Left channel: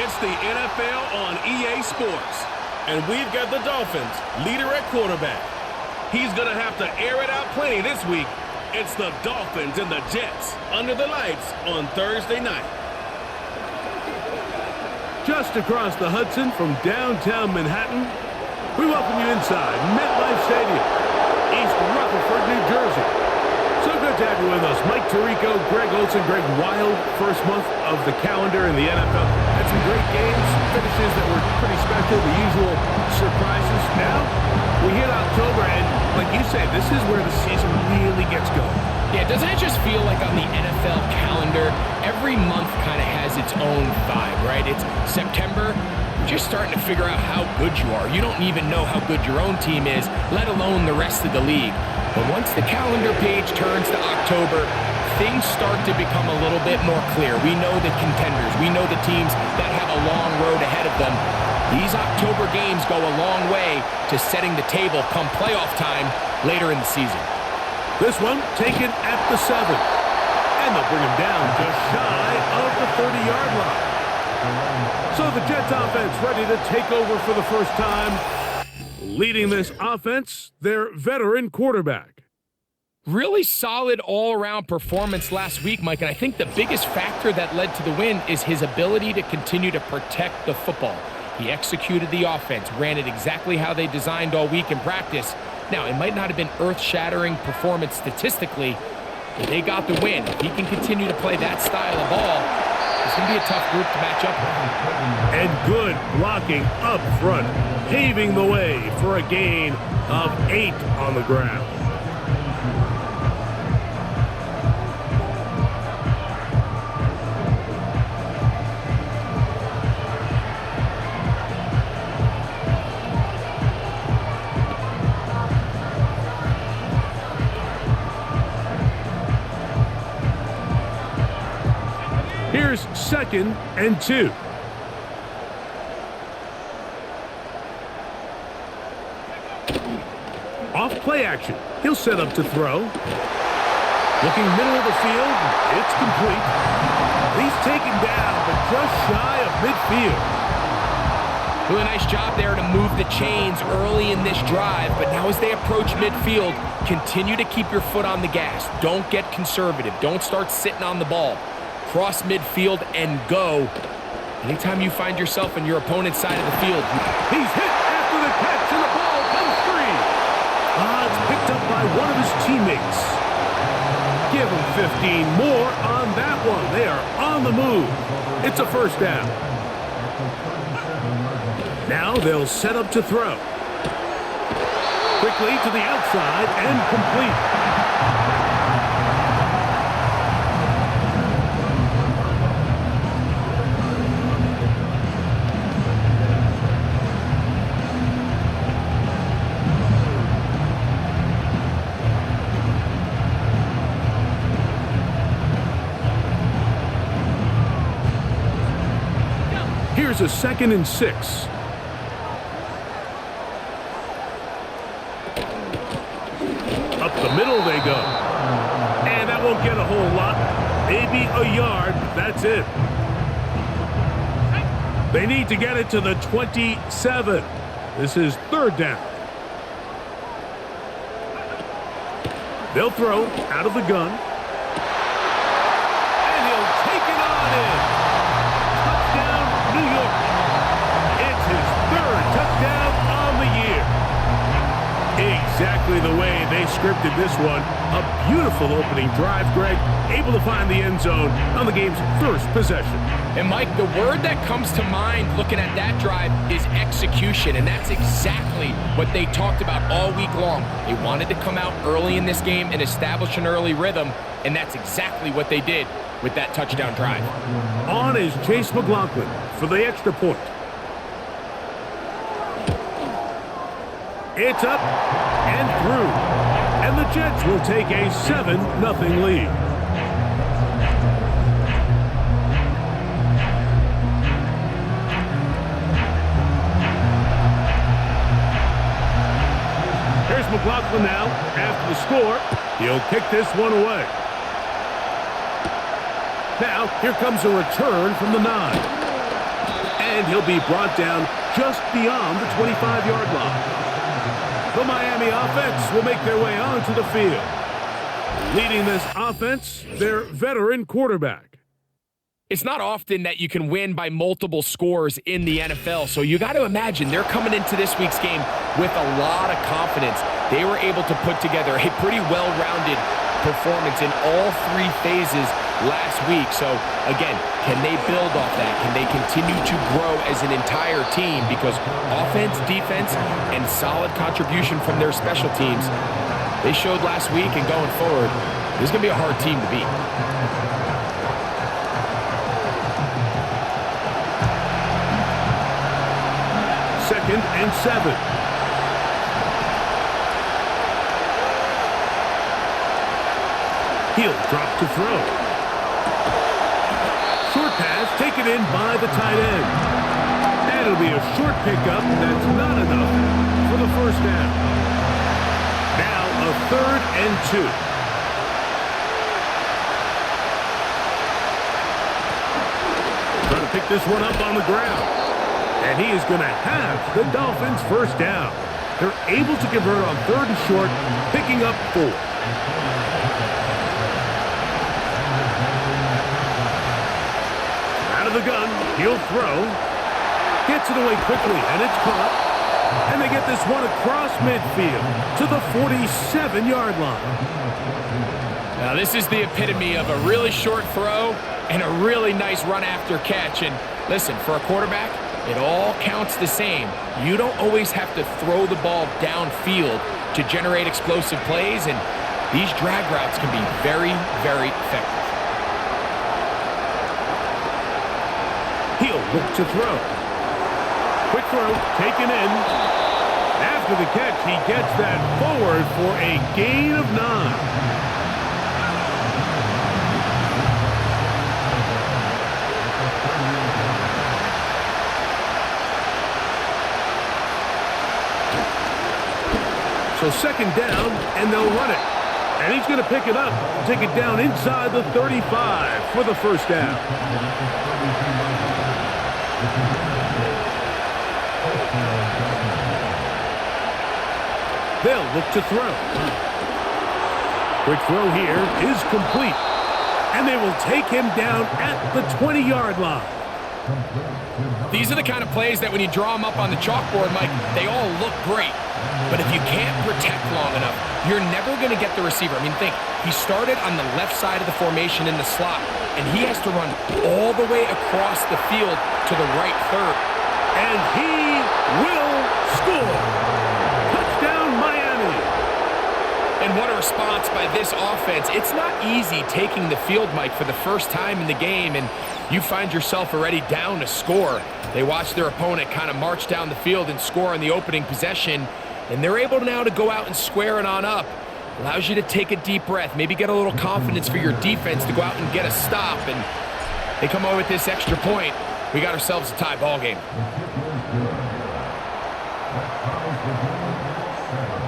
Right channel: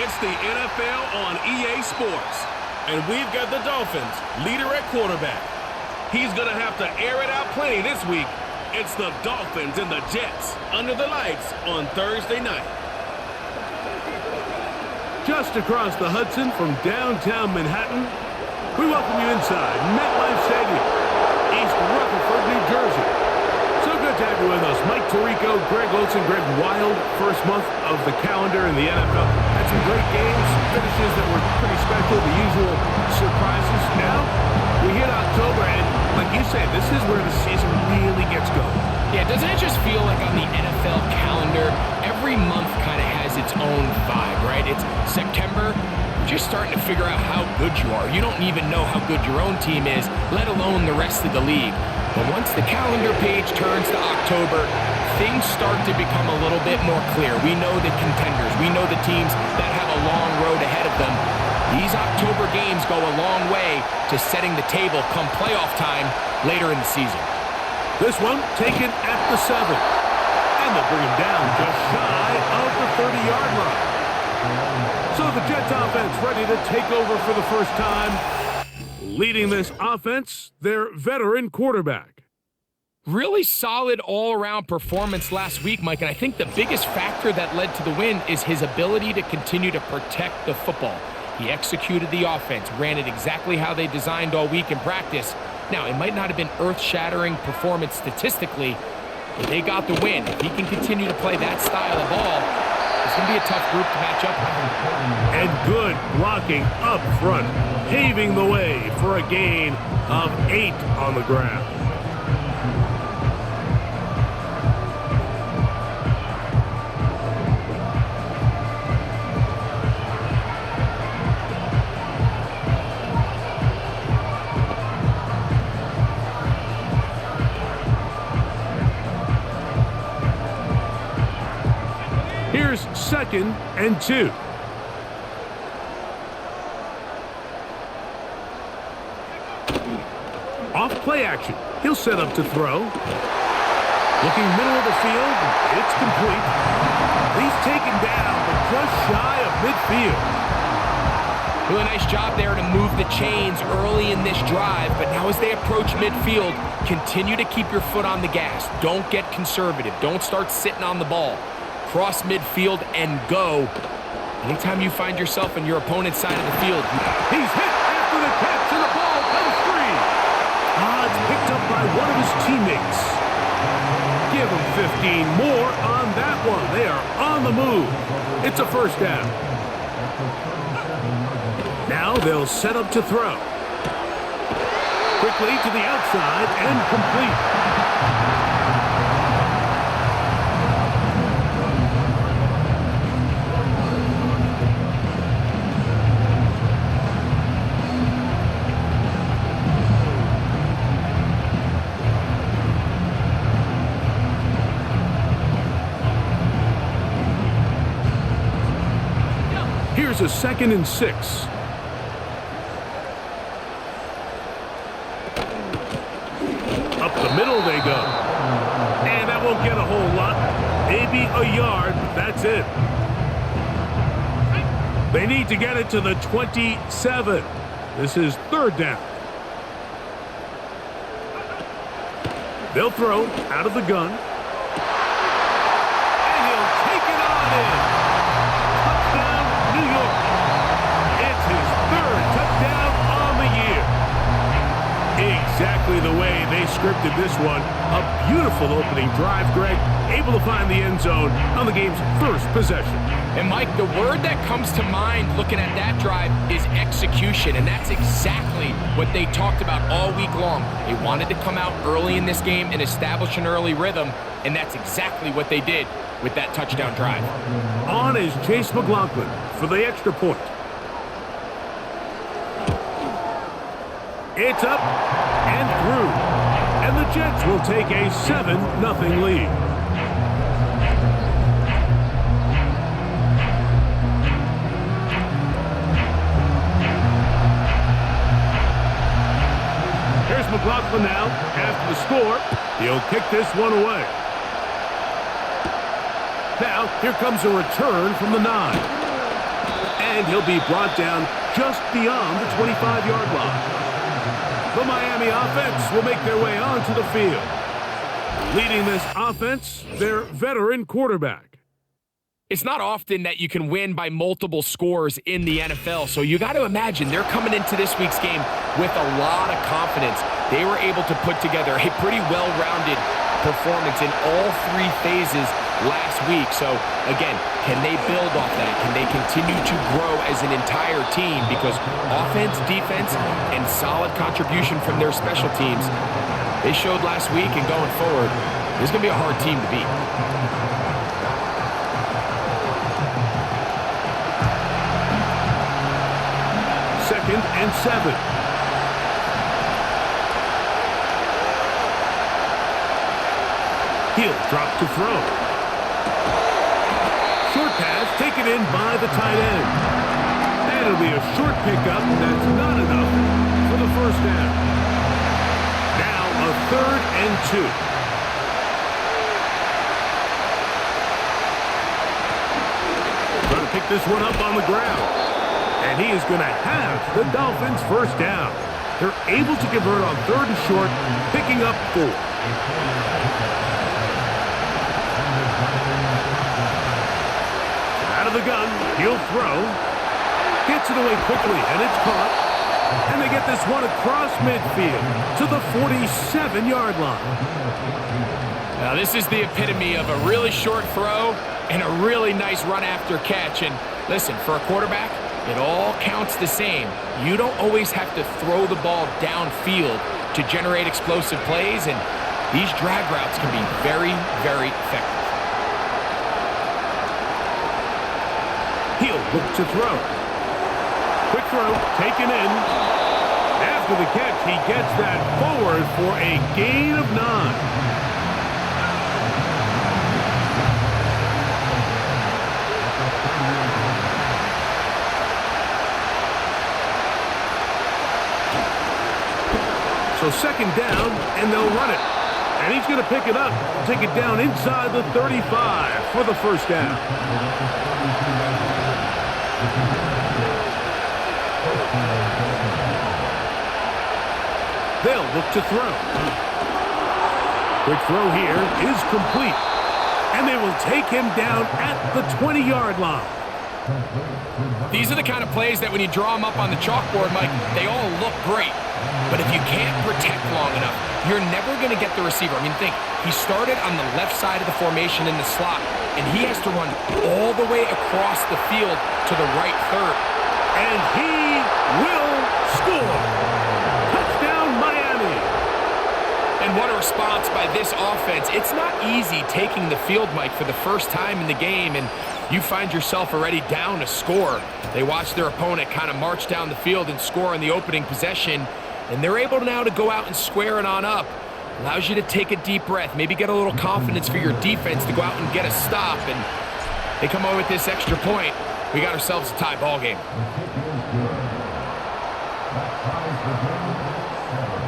It's the NFL on EA Sports. And we've got the Dolphins, leader at quarterback. He's going to have to air it out plenty this week. It's the Dolphins and the Jets under the lights on Thursday night. Just across the Hudson from downtown Manhattan, we welcome you inside MetLife Stadium, East Rutherford, New Jersey. So good to have you with us. Mike Tirico, Greg Olson, Greg Wild, first month of the calendar in the NFL. Had some great games, some finishes that were pretty special, the usual surprises. Now, we hit October, and like you say, this is where the season really gets going. Yeah, doesn't it just feel like on the NFL calendar, every month kind of has its own vibe, right? It's September, you're just starting to figure out how good you are. You don't even know how good your own team is, let alone the rest of the league. But once the calendar page turns to October, things start to become a little bit more clear. We know the contenders. We know the teams that have a long road ahead of them. These October games go a long way to setting the table come playoff time later in the season. This one taken at the 7. And they'll bring him down just shy of the 30-yard line. So the Jets offense ready to take over for the first time. Leading this offense, their veteran quarterback. Really solid all-around performance last week, Mike, and I think the biggest factor that led to the win is his ability to continue to protect the football. He executed the offense, ran it exactly how they designed all week in practice. Now, it might not have been earth-shattering performance statistically, but they got the win. If he can continue to play that style of ball, it's going to be a tough group to match up with. And good blocking up front, paving the way for a gain of 8 on the ground. Here's 2nd and 2. Off play action. He'll set up to throw. Looking middle of the field. It's complete. He's taken down, but just shy of midfield. Really nice job there to move the chains early in this drive, but now as they approach midfield, continue to keep your foot on the gas. Don't get conservative. Don't start sitting on the ball. Cross midfield and go. Anytime you find yourself on your opponent's side of the field. He's hit after the catch, and the ball comes free. It's picked up by one of his teammates. Give him 15 more on that one. They are on the move. It's a first down. Now they'll set up to throw. Quickly to the outside and complete. Here's a 2nd and 6. Up the middle they go. And that won't get a whole lot. Maybe a yard, but that's it. They need to get it to the 27. This is 3rd down. They'll throw out of the gun. And he'll take it on in. Touchdown, New York. It's his 3rd touchdown on the year. Exactly the way they scripted this one. A beautiful opening drive, Greg. Able to find the end zone on the game's first possession. And Mike, the word that comes to mind looking at that drive is execution, and that's exactly what they talked about all week long. They wanted to come out early in this game and establish an early rhythm, and that's exactly what they did with that touchdown drive. On is Chase McLaughlin for the extra point. It's up and through. And the Jets will take a 7-0 lead. Here's McLaughlin now. After the score, he'll kick this one away. Now, here comes a return from the 9. And he'll be brought down just beyond the 25-yard line. The Miami offense will make their way onto the field. Leading this offense, their veteran quarterback. It's not often that you can win by multiple scores in the NFL, so you got to imagine they're coming into this week's game with a lot of confidence. They were able to put together a pretty well-rounded performance in all three phases last week. So, again, can they build off that? Can they continue to grow as an entire team? Because offense, defense, and solid contribution from their special teams, they showed last week, and going forward, this is going to be a hard team to beat. Second and 7. He'll drop to throw. Short pass taken in by the tight end. And it'll be a short pickup that's not enough for the first down. Now a 3rd and 2. Trying to pick this one up on the ground. And he is going to have the Dolphins first down. They're able to convert on 3rd and short, picking up 4. Out of the gun, he'll throw. Gets it away quickly, and it's caught. And they get this one across midfield to the 47-yard line. Now, this is the epitome of a really short throw and a really nice run after catch. And listen, for a quarterback, it all counts the same. You don't always have to throw the ball downfield to generate explosive plays, and these drag routes can be very, very effective. He'll look to throw. Quick throw, taken in. After the catch, he gets that forward for a gain of 9. So second down, and they'll run it. And he's going to pick it up, take it down inside the 35 for the first down. They'll look to throw. Quick throw here is complete. And they will take him down at the 20-yard line. These are the kind of plays that when you draw them up on the chalkboard, Mike, they all look great. But if you can't protect long enough, you're never going to get the receiver. I mean, think, he started on the left side of the formation in the slot, and he has to run all the way across the field to the right third. And he will score. Touchdown, Miami. And what a response by this offense. It's not easy taking the field, Mike, for the first time in the game, and you find yourself already down a score. They watch their opponent kind of march down the field and score on the opening possession, and they're able now to go out and square it on up. Allows you to take a deep breath, maybe get a little confidence for your defense to go out and get a stop, and they come away with this extra point. We got ourselves a tie ball game. That ties the game at 7.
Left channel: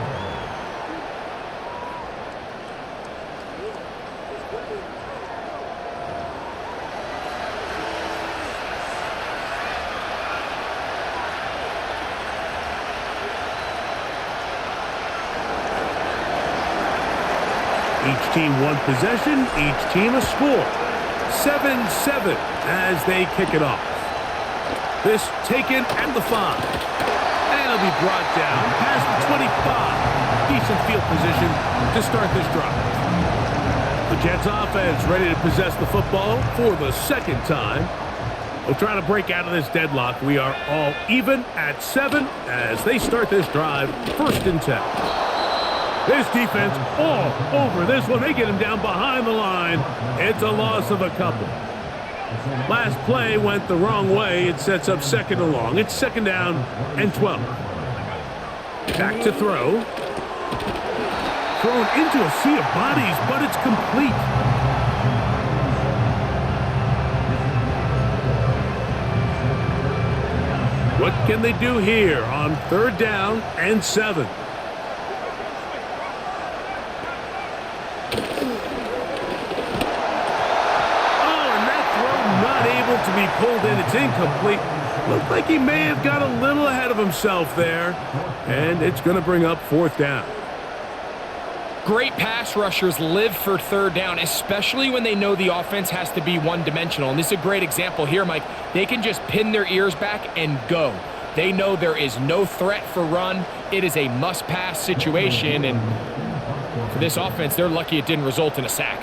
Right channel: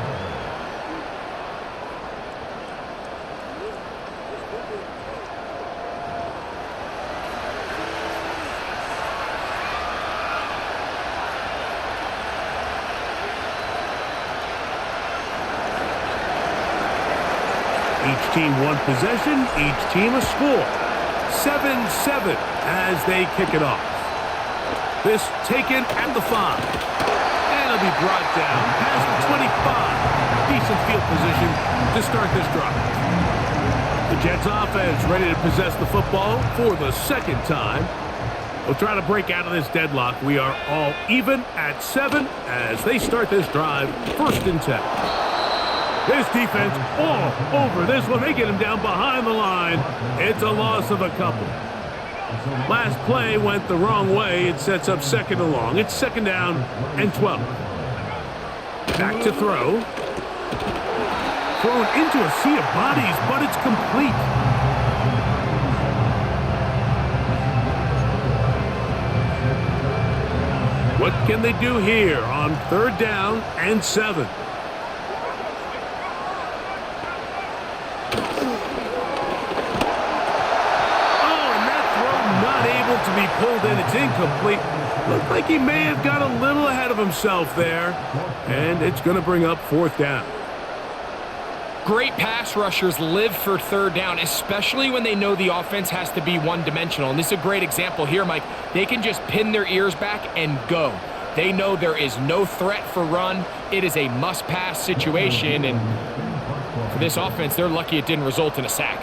Each team one possession, each team a score. 7-7 as they kick it off. This taken at the 5. And it'll be brought down past the 25. Decent field position to start this drive. The Jets offense ready to possess the football for the second time. They'll try to break out of this deadlock. We are all even at 7 as they start this drive, 1st and 10. This defense all over this one. They get him down behind the line. It's a loss of a couple. Last play went the wrong way. It sets up 2nd and long. It's 2nd down and 12. Back to throw. Thrown into a sea of bodies, but it's complete. What can they do here on 3rd down and 7? Not able to be pulled in. It's incomplete. Looked like he may have got a little ahead of himself there, and it's going to bring up fourth down. Great pass rushers live for third down, especially when they know the offense has to be one-dimensional. And this is a great example here, Mike. They can just pin their ears back and go. They know there is no threat for run. It is a must-pass situation, and for this offense, they're lucky it didn't result in a sack.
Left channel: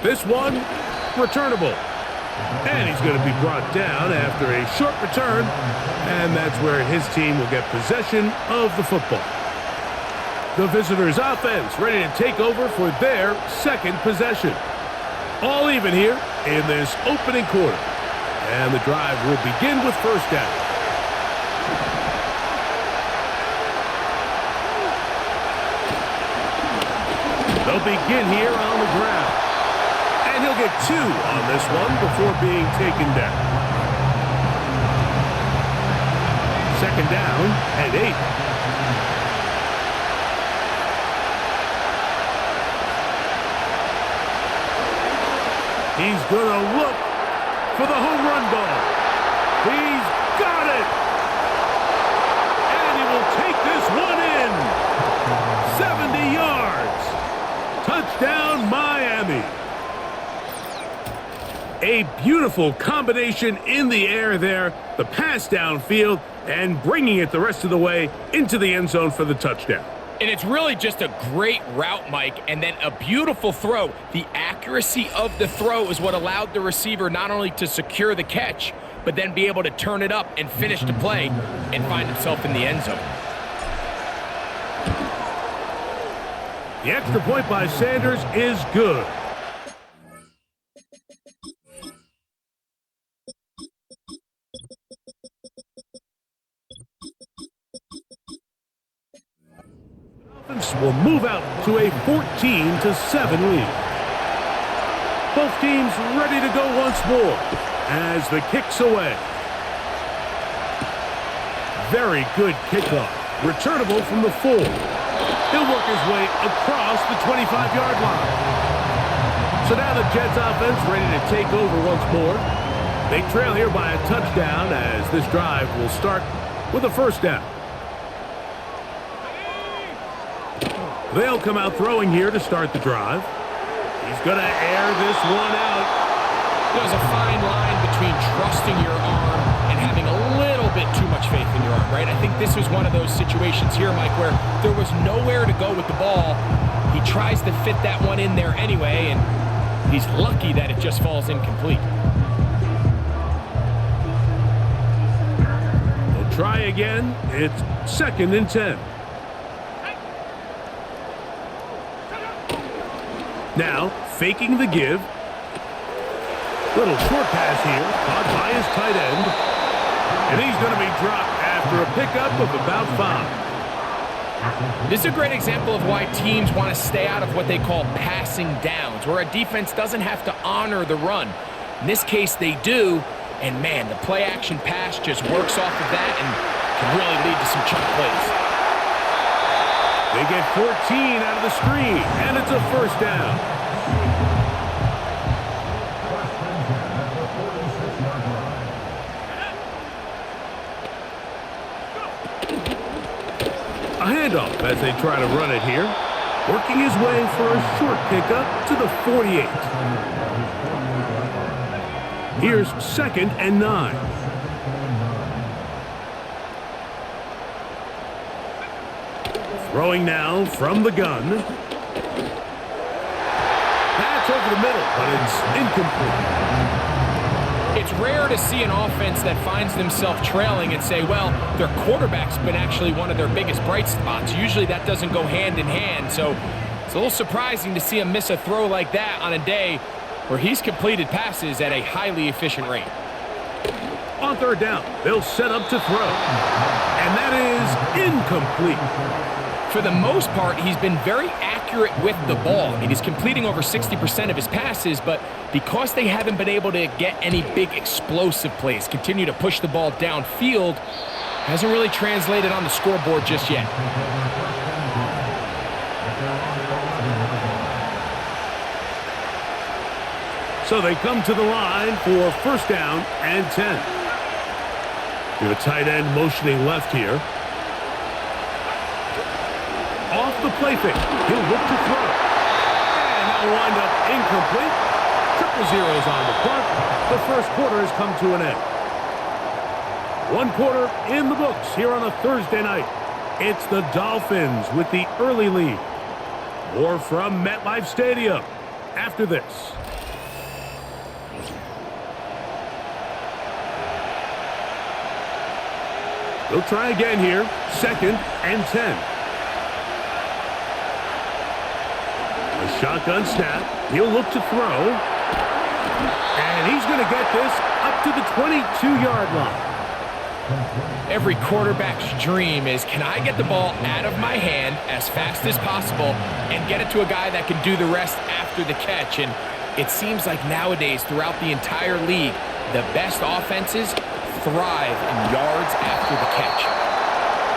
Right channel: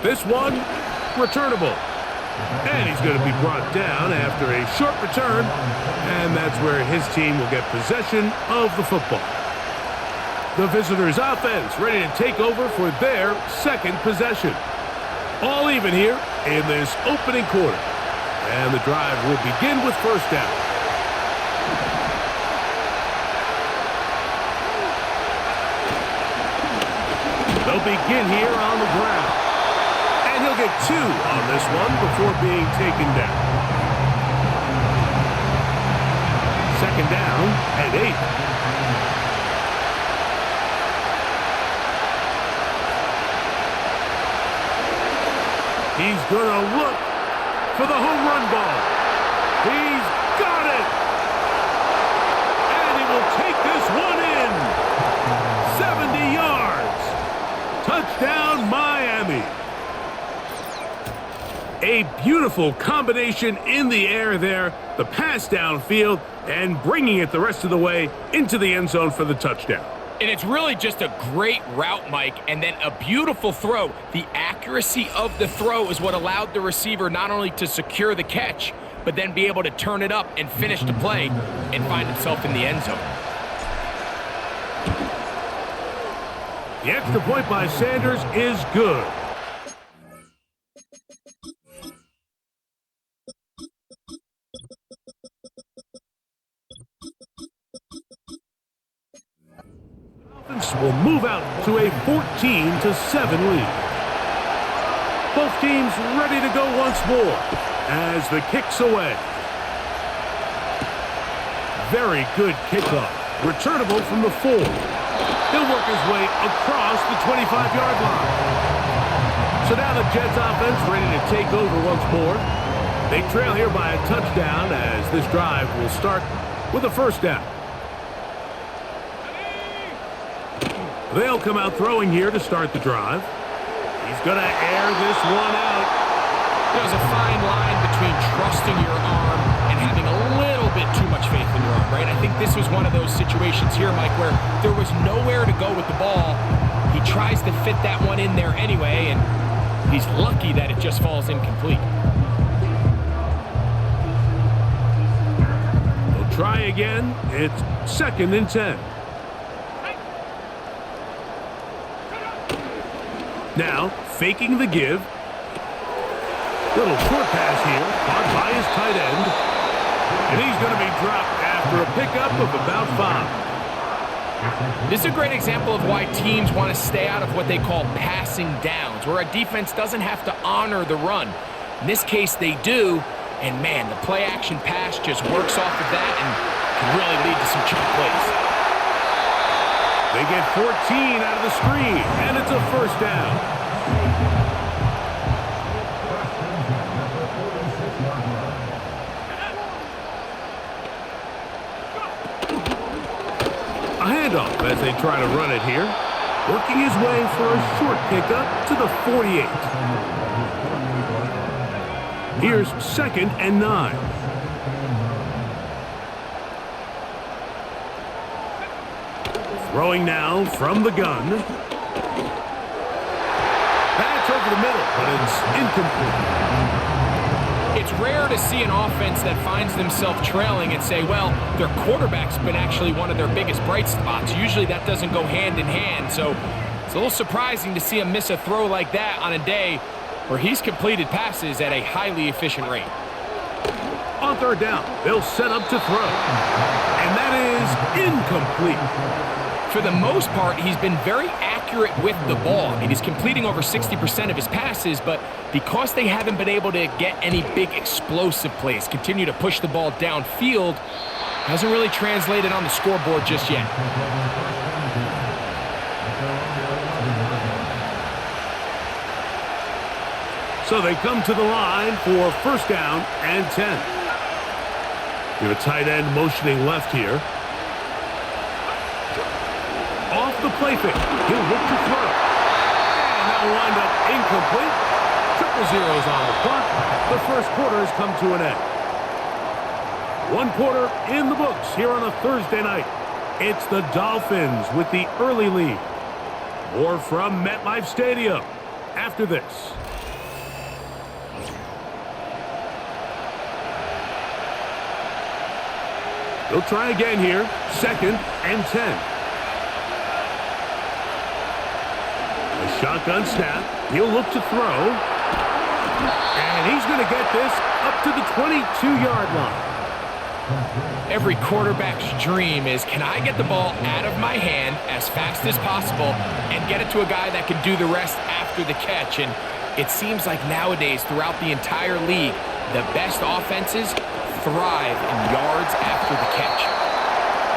This one, returnable. And he's going to be brought down after a short return, and that's where his team will get possession of the football. The visitors' offense ready to take over for their second possession. All even here in this opening quarter. And the drive will begin with first down. They'll begin here on the ground. And he'll get 2 on this one before being taken down. Second down and 8. He's going to look for the home run ball. He's got it. And he will take this one in. 70 yards. Touchdown, Miami. A beautiful combination in the air there, the pass downfield, and bringing it the rest of the way into the end zone for the touchdown. And it's really just a great route, Mike, and then a beautiful throw. The accuracy of the throw is what allowed the receiver not only to secure the catch, but then be able to turn it up and finish the play and find himself in the end zone. The extra point by Sanders is good. Will move out to a 14-7 lead. Both teams ready to go once more as the kick's away. Very good kickoff. Returnable from the 4. He'll work his way across the 25-yard line. So now the Jets offense ready to take over once more. They trail here by a touchdown as this drive will start with a first down. They'll come out throwing here to start the drive. He's going to air this one out. There's a fine line between trusting your arm and having a little bit too much faith in your arm, right? I think this was one of those situations here, Mike, where there was nowhere to go with the ball. He tries to fit that one in there anyway, and he's lucky that it just falls incomplete. They'll try again. It's 2nd and 10. Now, faking the give. Little short pass here, caught by his tight end. And he's going to be dropped after a pickup of about 5. This is a great example of why teams want to stay out of what they call passing downs, where a defense doesn't have to honor the run. In this case, they do. And, man, the play-action pass just works off of that and can really lead to some chunk plays. They get 14 out of the screen, and it's a first down. A handoff as they try to run it here. Working his way for a short pickup to the 48. Here's 2nd and 9. Throwing now from the gun. That's over the middle, but it's incomplete. It's rare to see an offense that finds themselves trailing and say, well, their quarterback's been actually one of their biggest bright spots. Usually that doesn't go hand in hand, so it's a little surprising to see him miss a throw like that on a day where he's completed passes at a highly efficient rate. On third down, they'll set up to throw. And that is incomplete. For the most part, he's been very accurate with the ball. I mean, he's completing over 60% of his passes, but because they haven't been able to get any big explosive plays, continue to push the ball downfield, hasn't really translated on the scoreboard just yet. So they come to the line for first down and 10. You have a tight end motioning left here. Off the play fake. He'll look to throw. And that will wind up incomplete. Triple zeros on the clock. The first quarter has come to an end. One quarter in the books here on a Thursday night. It's the Dolphins with the early lead. More from MetLife Stadium after this. He'll try again here. Second and 10. A shotgun snap. He'll look to throw. And he's going to get this up to the 22-yard line. Every quarterback's dream is, can I get the ball out of my hand as fast as possible and get it to a guy that can do the rest after the catch? And it seems like nowadays, throughout the entire league, the best offenses thrive in yards after the catch.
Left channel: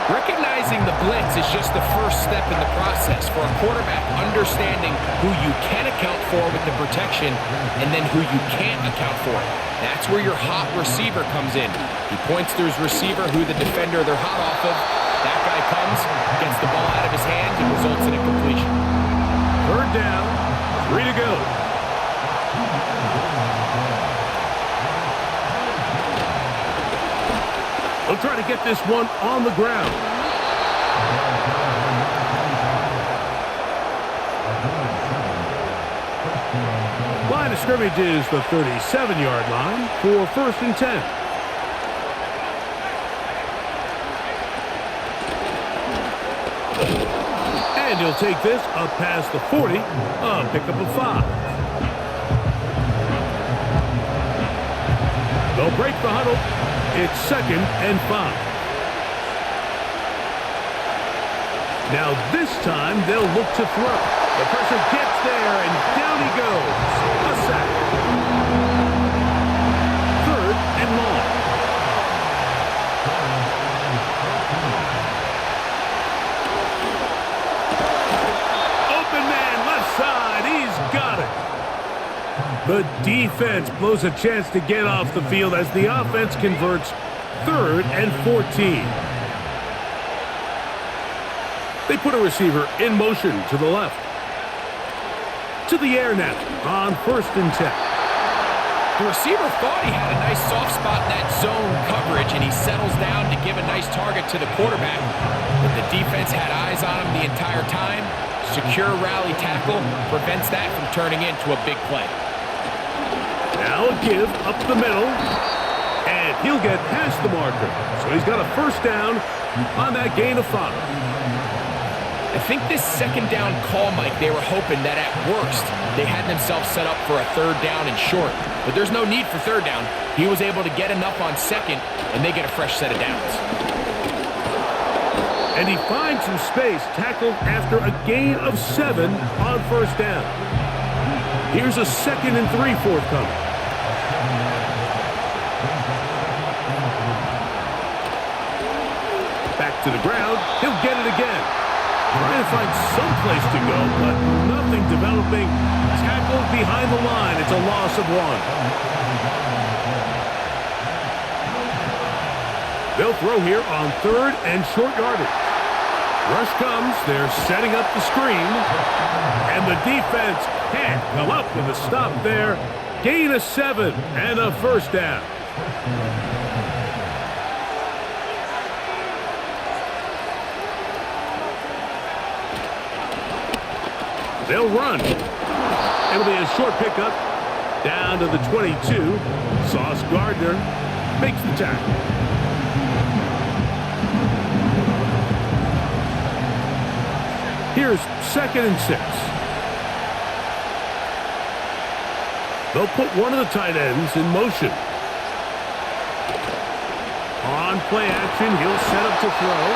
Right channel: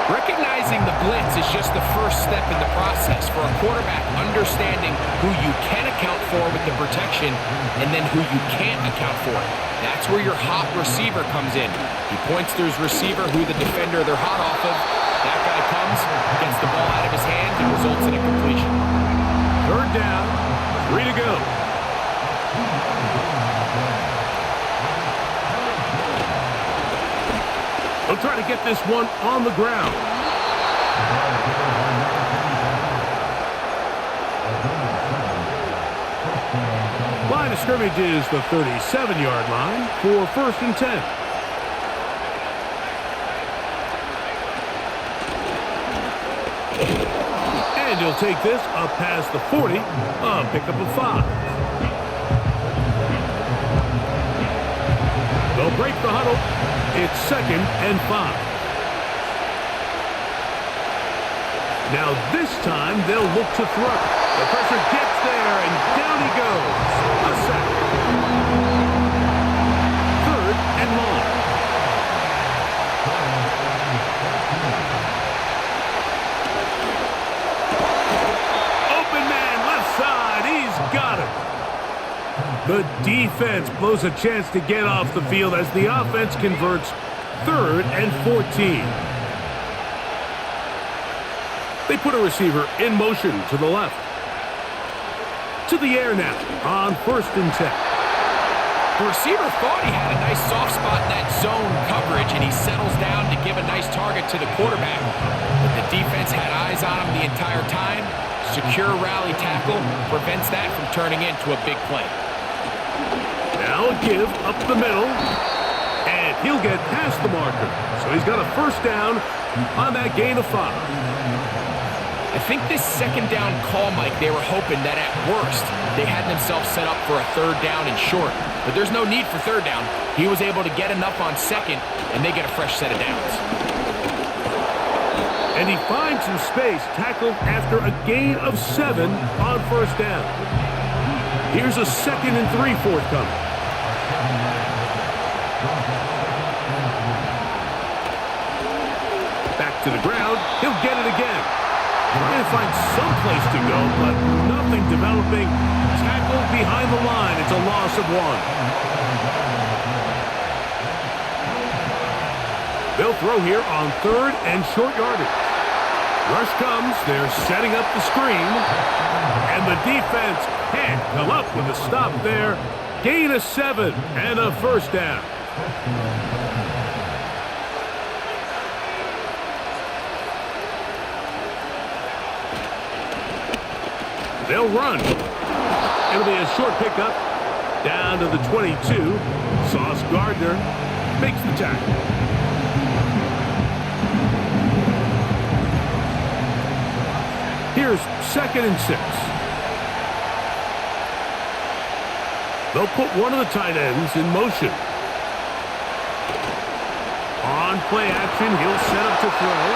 Recognizing the blitz is just the first step in the process for a quarterback understanding who you can account for with the protection and then who you can't account for. That's where your hot receiver comes in. He points to his receiver, who the defender they're hot off of. That guy comes, gets the ball out of his hands, and results in a completion. Third down, 3 to go. They'll try to get this one on the ground. Line of scrimmage is the 37-yard line for first and 10. And he'll take this up past the 40, a pickup of 5. They'll break the huddle. It's second and 5. Now this time they'll look to throw. The pressure gets there and down he goes. A sack. Third and long. Open man left side. He's got it. The defense blows a chance to get off the field as the offense converts. Third and 14. They put a receiver in motion to the left. To the air now on first and 10. The receiver thought he had a nice soft spot in that zone coverage, and he settles down to give a nice target to the quarterback. But the defense had eyes on him the entire time. Secure rally tackle prevents that from turning into a big play. Now a give up the middle, and he'll get past the marker. So he's got a first down on that gain of 5. I think this second down call, Mike, they were hoping that at worst they had themselves set up for a third down and short. But there's no need for third down. He was able to get enough on second, and they get a fresh set of downs. And he finds some space, tackled after a gain of 7 on first down. Here's a 2nd and 3 forthcoming. Back to the ground. He'll get it again. Trying to find some place to go, but nothing developing. Tackled behind the line. It's a loss of 1. They'll throw here on third and short yardage. Rush comes. They're setting up the screen. And the defense can't come up with a stop there. Gain of 7 and a first down. They'll run. It'll be a short pickup down to the 22. Sauce Gardner makes the tackle. Here's 2nd and 6. They'll put one of the tight ends in motion. On play action, he'll set up to throw.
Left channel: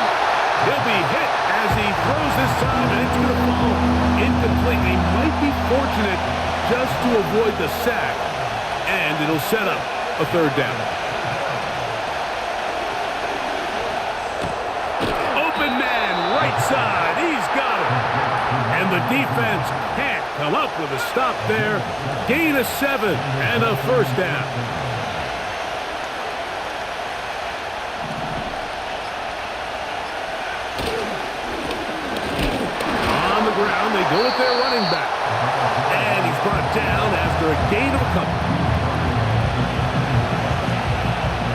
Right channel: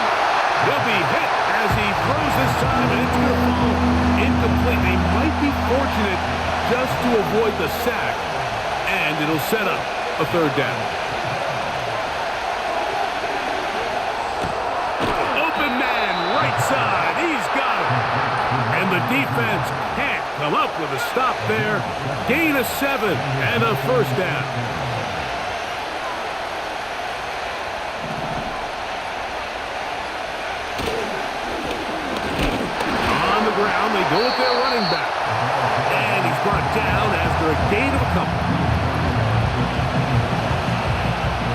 He'll be hit as he throws this time, and it's going to fall incomplete. He might be fortunate just to avoid the sack, and it'll set up a third down. Open man, right side. He's got it. And the defense can't come up with a stop there. Gain of 7 and a first down. On the ground, they go with their running back. And he's brought down after a gain of a couple.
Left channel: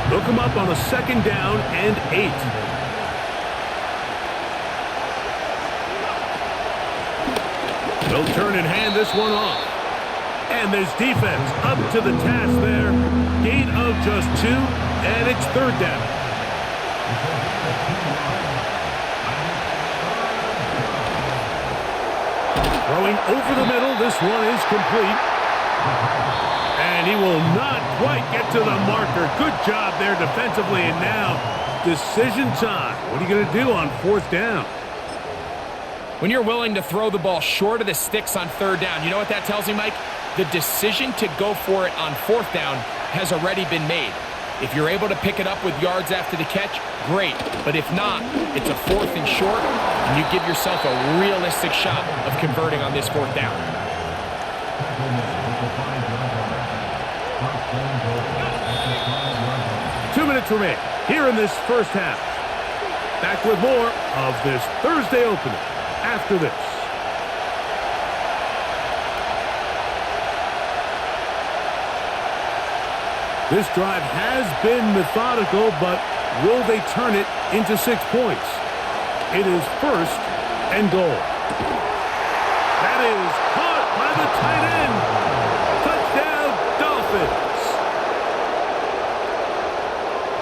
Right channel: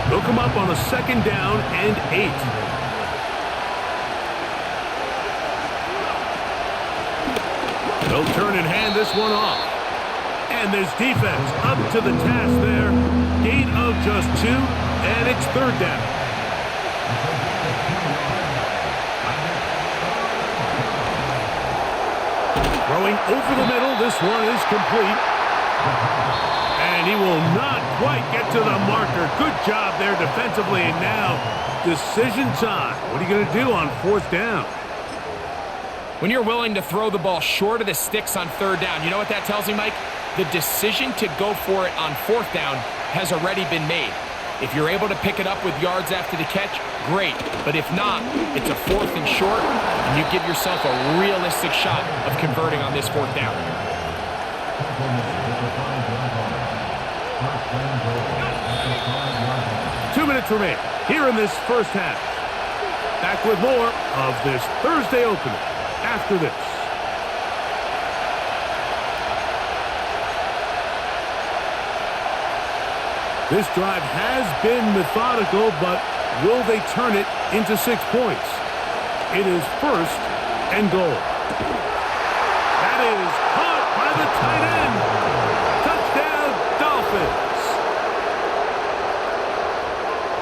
They'll come up on a 2nd down and 8. They'll turn and hand this one off. And this defense up to the task there. Gain of just 2, and it's 3rd down. Throwing over the middle, this one is complete. And he will not quite get to the marker. Good job there defensively, and now decision time. What are you going to do on 4th down? When you're willing to throw the ball short of the sticks on 3rd down, you know what that tells me, Mike? The decision to go for it on 4th down has already been made. If you're able to pick it up with yards after the catch, great. But if not, it's a 4th and short, and you give yourself a realistic shot of converting on this 4th down. 2 minutes remain here in this first half. Back with more of this Thursday opener after this. This drive has been methodical, but will they turn it into 6 points? It is 1st and goal. That is caught by the tight end. Touchdown, Dolphins.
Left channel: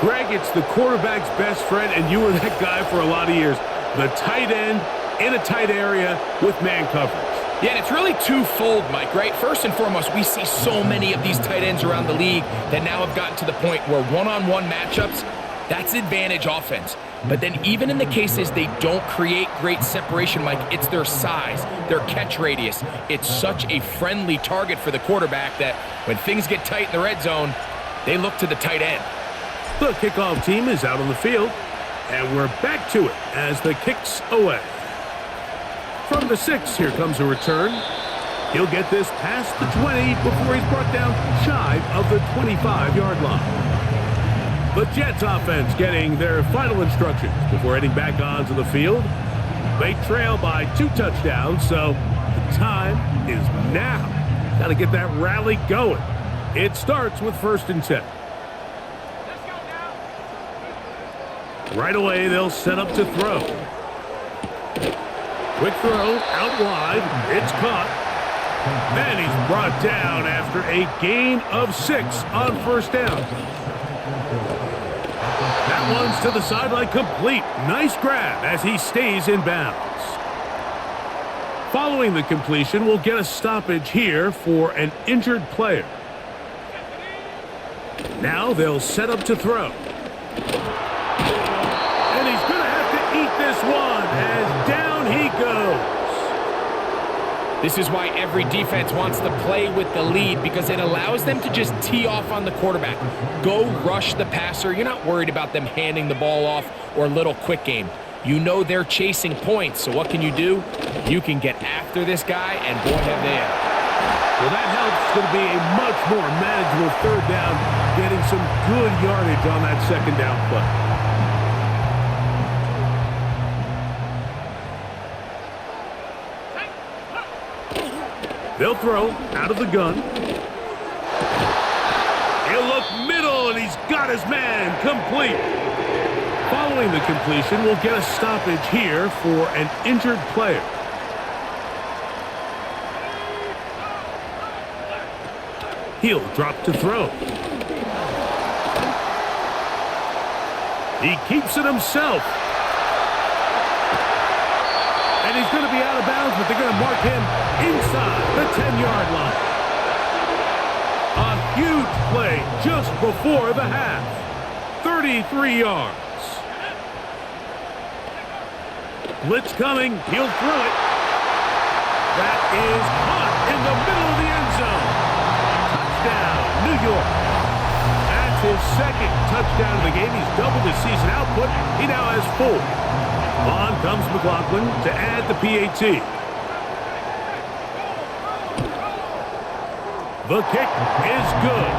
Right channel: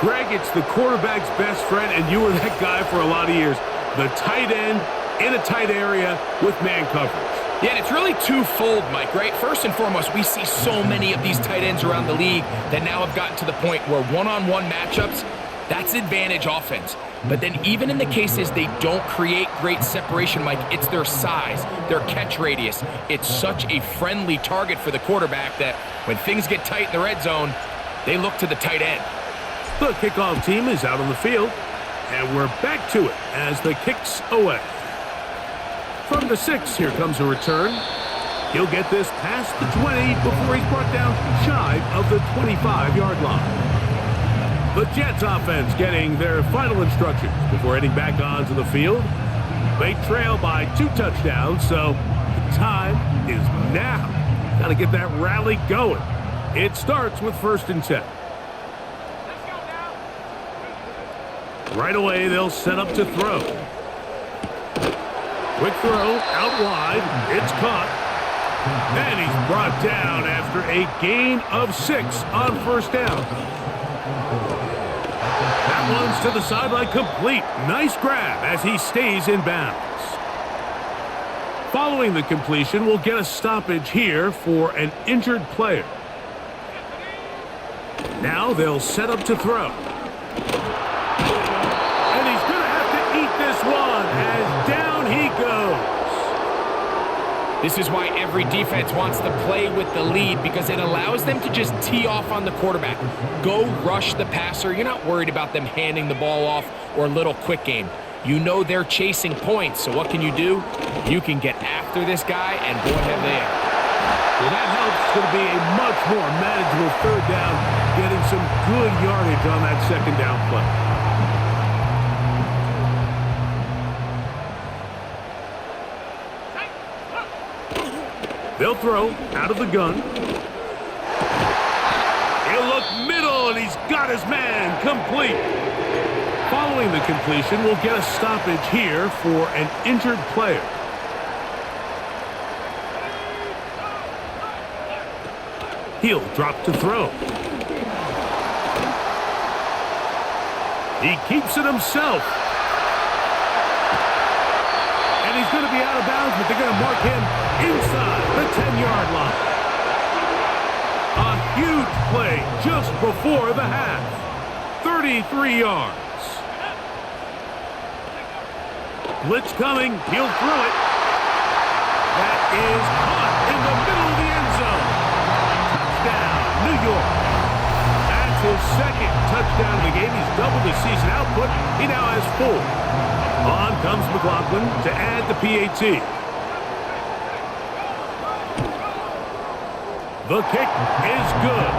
Greg, it's the quarterback's best friend, and you were that guy for a lot of years. The tight end in a tight area with man coverage. Yeah, and it's really twofold, Mike, right? First and foremost, we see so many of these tight ends around the league that now have gotten to the point where one-on-one matchups, that's advantage offense. But then even in the cases they don't create great separation, Mike, it's their size, their catch radius. It's such a friendly target for the quarterback that when things get tight in the red zone, they look to the tight end. The kickoff team is out on the field, and we're back to it as the kick's away. From the 6, here comes a return. He'll get this past the 20 before he's brought down shy of the 25-yard line. The Jets offense getting their final instructions before heading back onto the field. They trail by 2 touchdowns, so the time is now. Got to get that rally going. It starts with 1st and 10. Let's go now. Right away, they'll set up to throw. Quick throw, out wide, it's caught. And he's brought down after a gain of 6 on 1st down. That one's to the sideline complete. Nice grab as he stays in bounds. Following the completion, we'll get a stoppage here for an injured player. Now they'll set up to throw. And he's going to have to eat this one as down he goes. This is why every defense wants to play with the lead, because it allows them to just tee off on the quarterback. Go rush the passer. You're not worried about them handing the ball off or a little quick game. You know they're chasing points, so what can you do? You can get after this guy, and boy, have they ever. Well, that helps. It's going to be a much more manageable 3rd down, getting some good yardage on that 2nd down play. They'll throw out of the gun. He'll look middle, and he's got his man complete. Following the completion, we'll get a stoppage here for an injured player. He'll drop to throw. He keeps it himself. And he's going to be out of bounds, but they're going to mark him inside the 10-yard line. A huge play just before the half. 33 yards. Blitz coming. He'll throw it. That is caught in the middle of the end zone. Touchdown, New York. That's his 2nd touchdown of the game. He's doubled his season output. He now has 4. On comes McLaughlin to add the PAT. The kick is good.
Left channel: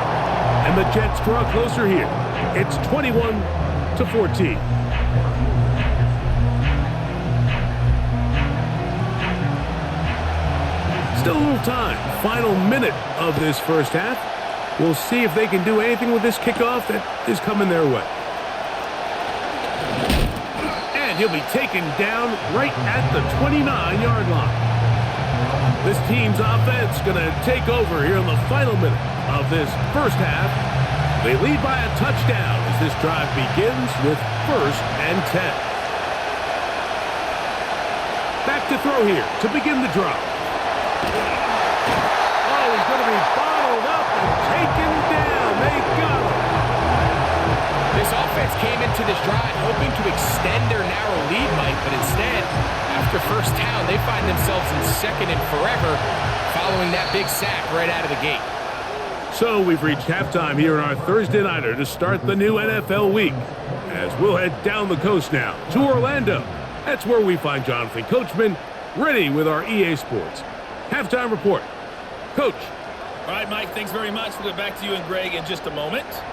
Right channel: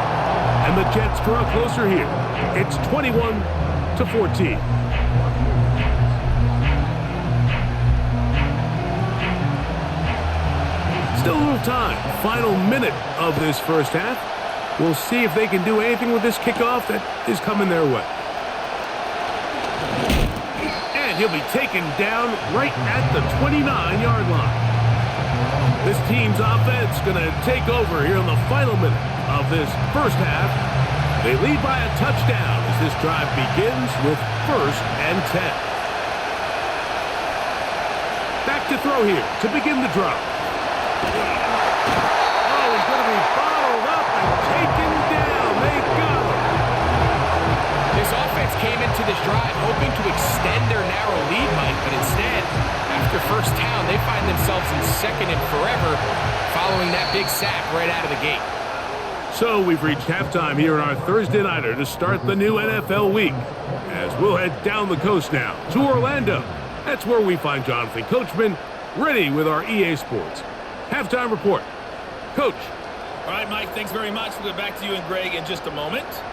And the Jets draw closer here. It's 21-14. Still a little time. Final minute of this first half. We'll see if they can do anything with this kickoff that is coming their way. And he'll be taken down right at the 29-yard line. This team's offense going to take over here in the final minute of this first half. They lead by a touchdown as this drive begins with 1st and 10. Back to throw here to begin the drop. Oh, he's going to be bottled up and taken down. They got him. This offense came into this drive hoping to extend their narrow lead, Mike, but instead, after first down, they find themselves in 2nd and forever following that big sack right out of the gate. So we've reached halftime here in our Thursday Nighter to start the new NFL week, as we'll head down the coast now to Orlando. That's where we find Jonathan Coachman ready with our EA Sports halftime report. Coach. All right, Mike, thanks very much. We'll get back to you and Greg in just a moment.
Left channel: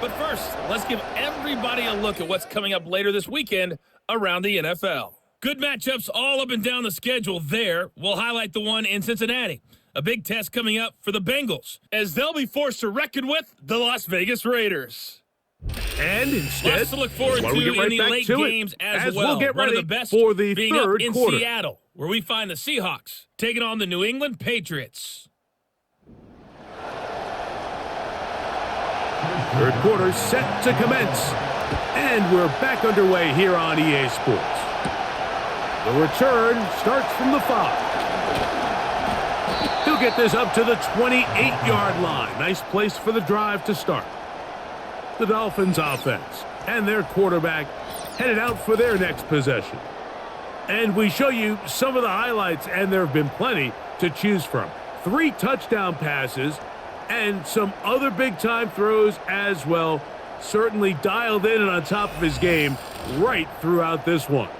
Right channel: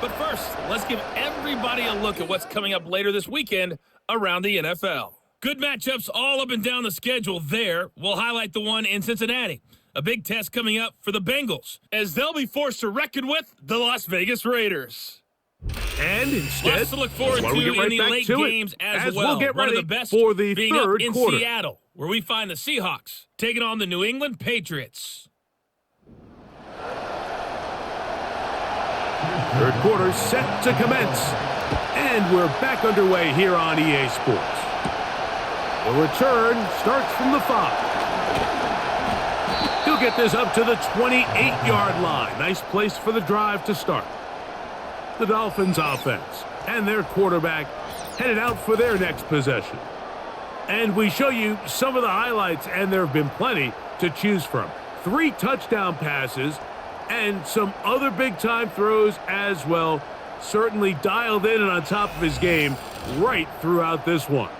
But first, let's give everybody a look at what's coming up later this weekend around the NFL. Good matchups all up and down the schedule there. We'll highlight the one in Cincinnati. A big test coming up for the Bengals, as they'll be forced to reckon with the Las Vegas Raiders. And instead, lots to look forward to in the late games as well. We'll get one ready of the best for the being third up in quarter. Seattle, where we find the Seahawks taking on the New England Patriots. Third quarter set to commence. And we're back underway here on EA Sports. The return starts from the 5. He'll get this up to the 28-yard line. Nice place for the drive to start. The Dolphins offense and their quarterback headed out for their next possession. And we show you some of the highlights, and there have been plenty to choose from. 3 touchdown passes and some other big-time throws as well. Certainly dialed in and on top of his game right throughout this one.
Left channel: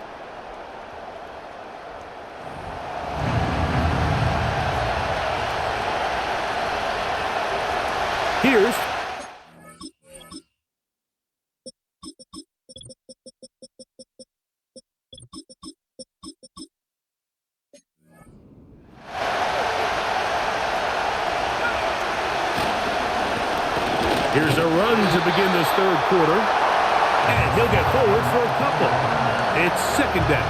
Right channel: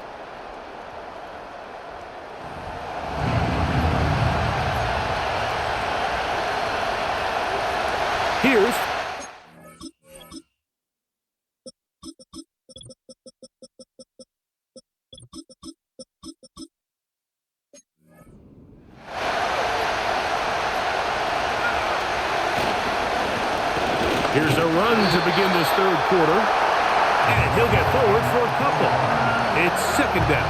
Here's Here's a run to begin this third quarter. And he'll get forward for a couple. It's 2nd down.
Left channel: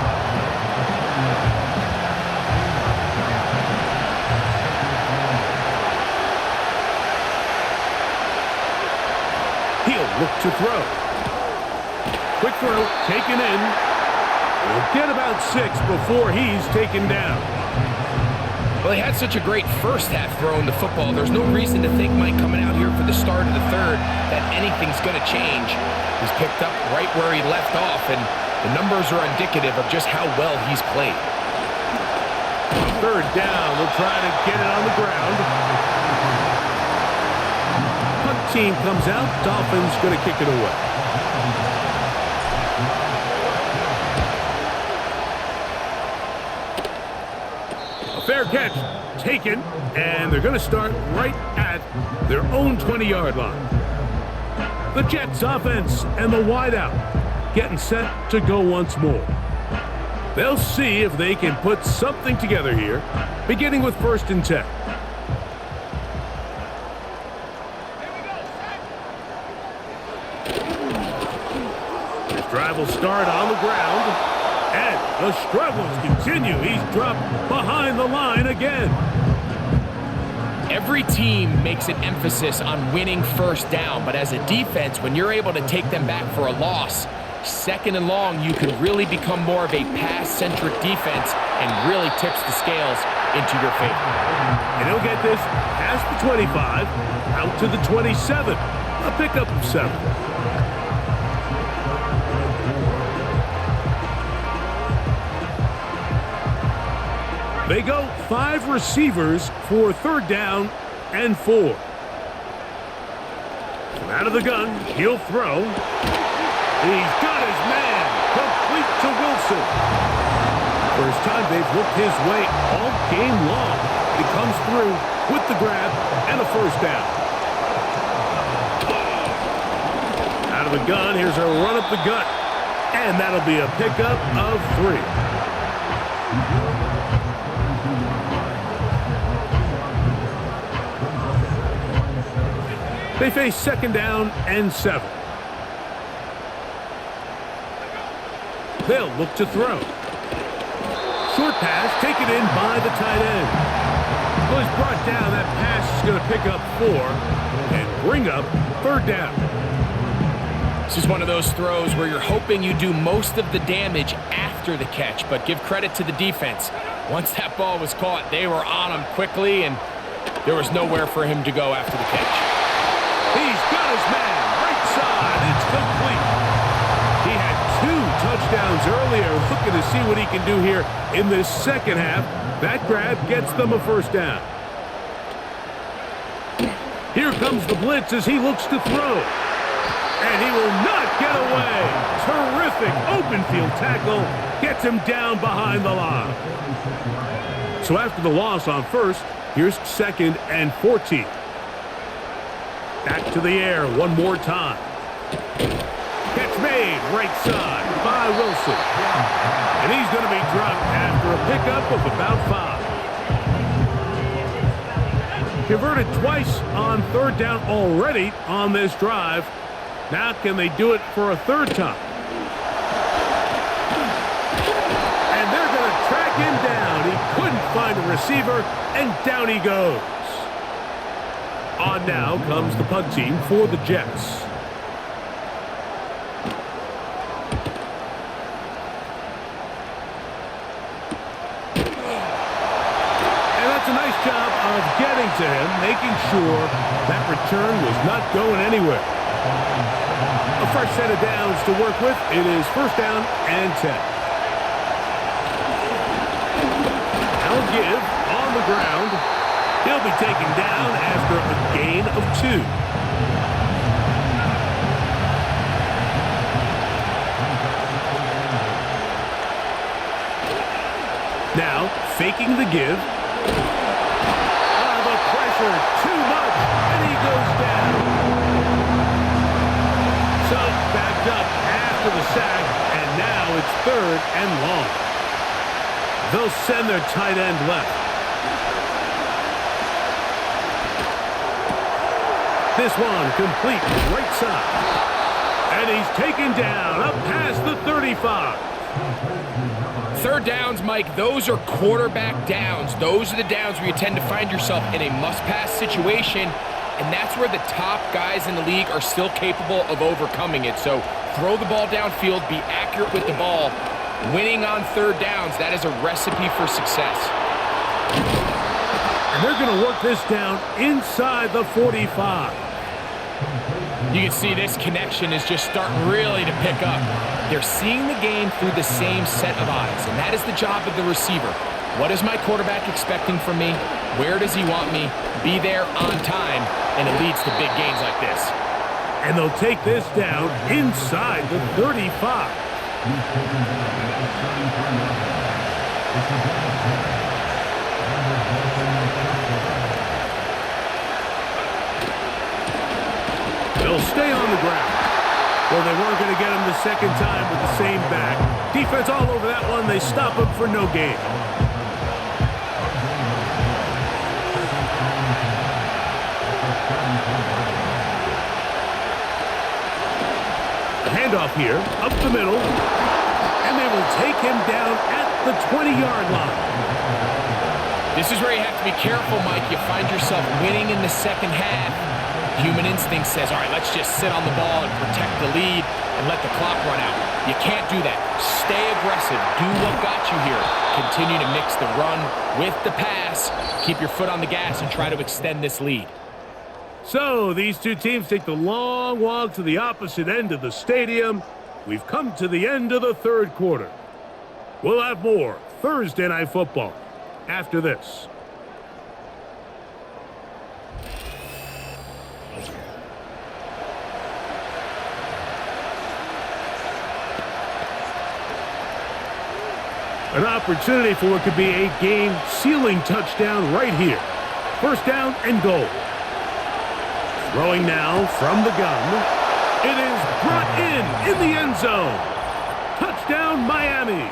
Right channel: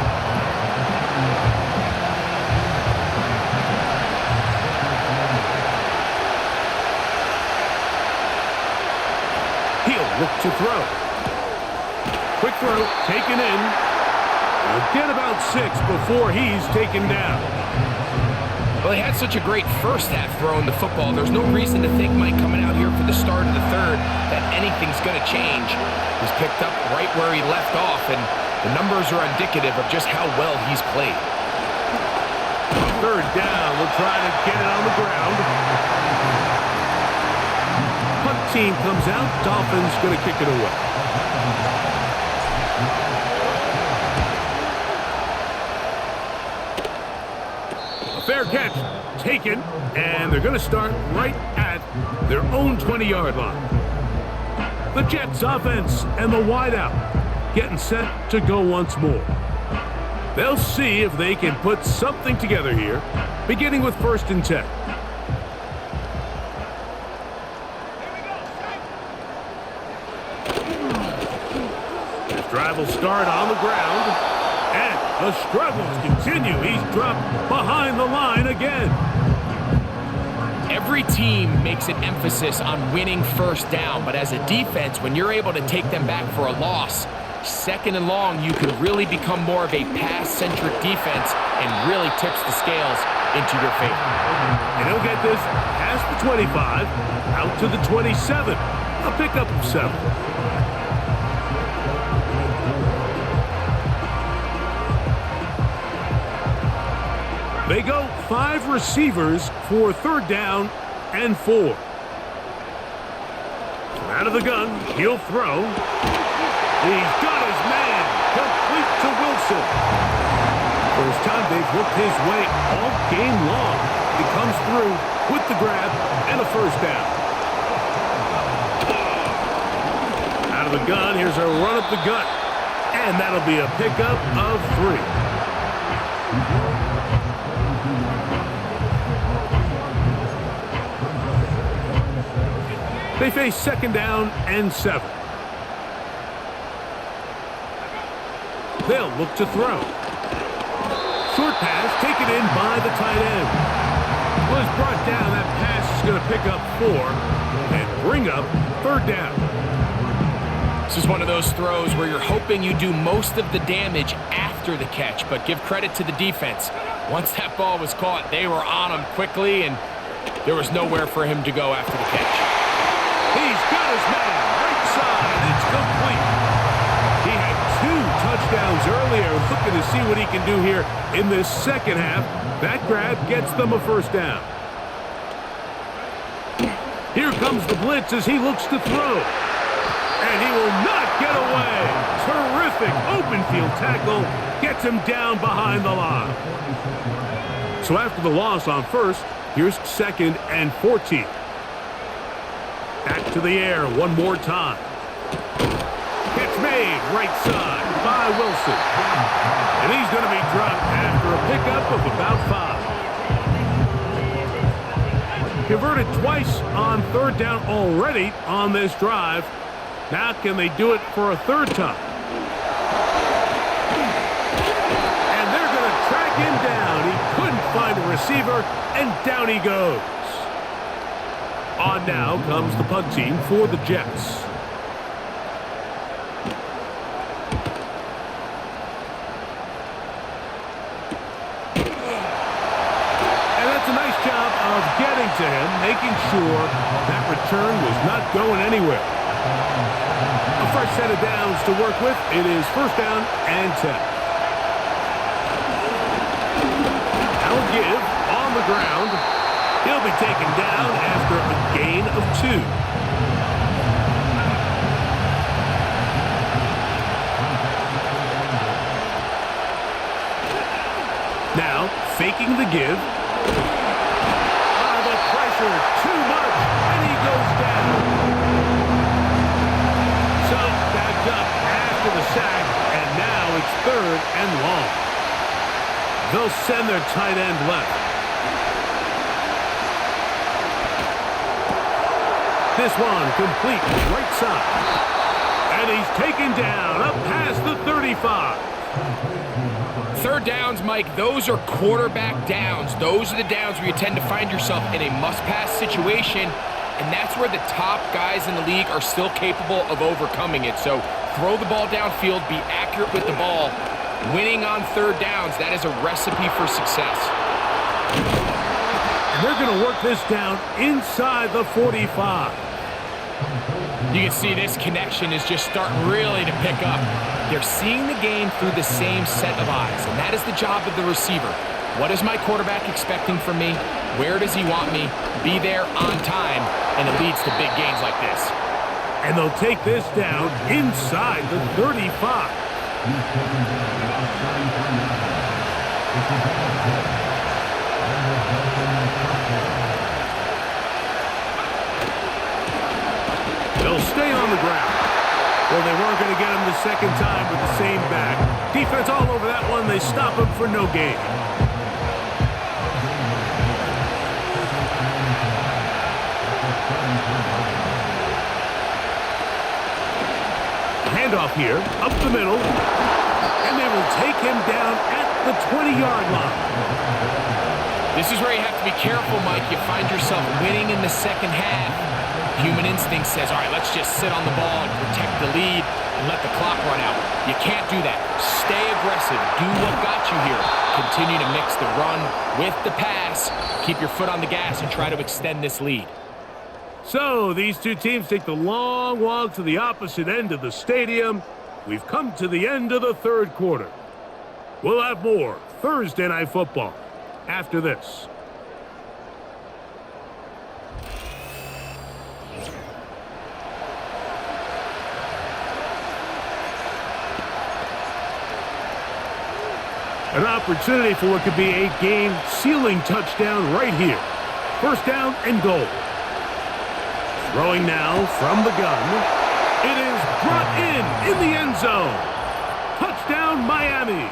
He'll look to throw. Quick throw, taken in. He'll get about 6 before he's taken down. Well, he had such a great first half throwing the football. There's no reason to think, Mike, coming out here for the start of the third, that anything's going to change. He's picked up right where he left off, and the numbers are indicative of just how well he's played. 3rd down, they'll try to get it on the ground. Punt team comes out. Dolphins going to kick it away. A fair catch taken, and they're going to start right at their own 20-yard line. The Jets offense and the wideout getting set to go once more. They'll see if they can put something together here, beginning with 1st and 10. This drive will start on the ground, and the struggles continue. He's dropped behind the line again. Every team makes an emphasis on winning first down, but as a defense, when you're able to take them back for a loss, 2nd and long, you can really become more of a pass-centric defense and really tips the scales into your favor. And he'll get this past the 25, out to the 27, a pickup of 7. They go 5 receivers for 3rd down and 4. From out of the gun, he'll throw. He's got his man, complete to Wilson. First time they've looked his way all game long. He comes through with the grab and a first down. Out of the gun, here's a run up the gut. And that'll be a pickup of 3. They face second down and 7. They'll look to throw. Short pass taken in by the tight end. Well, he's brought down. That pass is going to pick up 4 and bring up third down. This is one of those throws where you're hoping you do most of the damage after the catch, but give credit to the defense. Once that ball was caught, they were on him quickly, and there was nowhere for him to go after the catch. He's got his man. Right side. It's complete. He had 2 touchdowns earlier, looking to see what he can do here in this second half. That grab gets them a first down. Here comes the blitz as he looks to throw. And he will not get away. Terrific open field tackle. Gets him down behind the line. So after the loss on first, here's second and 14. Back to the air one more time. Catch made right side by Wilson. And he's going to be dropped after a pickup of about 5. Converted twice on third down already on this drive. Now can they do it for a third time? And they're going to track him down. He couldn't find a receiver, and down he goes. On now comes the punt team for the Jets. And that's a nice job of getting to him, making sure that return was not going anywhere. A fresh set of downs to work with. It is first down and 10. Now a give on the ground. He'll be taken down after a gain of 2. Now faking the give. The pressure too much, and he goes down. So backed up after the sack, and now it's third and long. They'll send their tight end left. This one complete right side. And he's taken down up past the 35. Third downs, Mike, those are quarterback downs. Those are the downs where you tend to find yourself in a must-pass situation, and that's where the top guys in the league are still capable of overcoming it. So throw the ball downfield, be accurate with the ball. Winning on third downs, that is a recipe for success. And they're going to work this down inside the 45. You can see this connection is just starting really to pick up. They're seeing the game through the same set of eyes, and that is the job of the receiver. What is my quarterback expecting from me? Where does he want me? Be there on time, and it leads to big gains like this. And they'll take this down inside the 35. They'll stay on the ground. Well, they weren't going to get him the second time with the same back. Defense all over that one. They stop him for no gain. A handoff here, up the middle. And they will take him down at the 20-yard line. This is where you have to be careful, Mike. You find yourself winning in the second half. Human instinct says, all right, let's just sit on the ball and protect the lead and let the clock run out. You can't do that. Stay aggressive. Do what got you here. Continue to mix the run with the pass. Keep your foot on the gas and try to extend this lead. So these two teams take the long walk to the opposite end of the stadium. We've come to the end of the third quarter. We'll have more Thursday Night Football after this. An opportunity for what could be a game-sealing touchdown right here. First down and goal. Throwing now from the gun. It is brought in the end zone. Touchdown, Miami.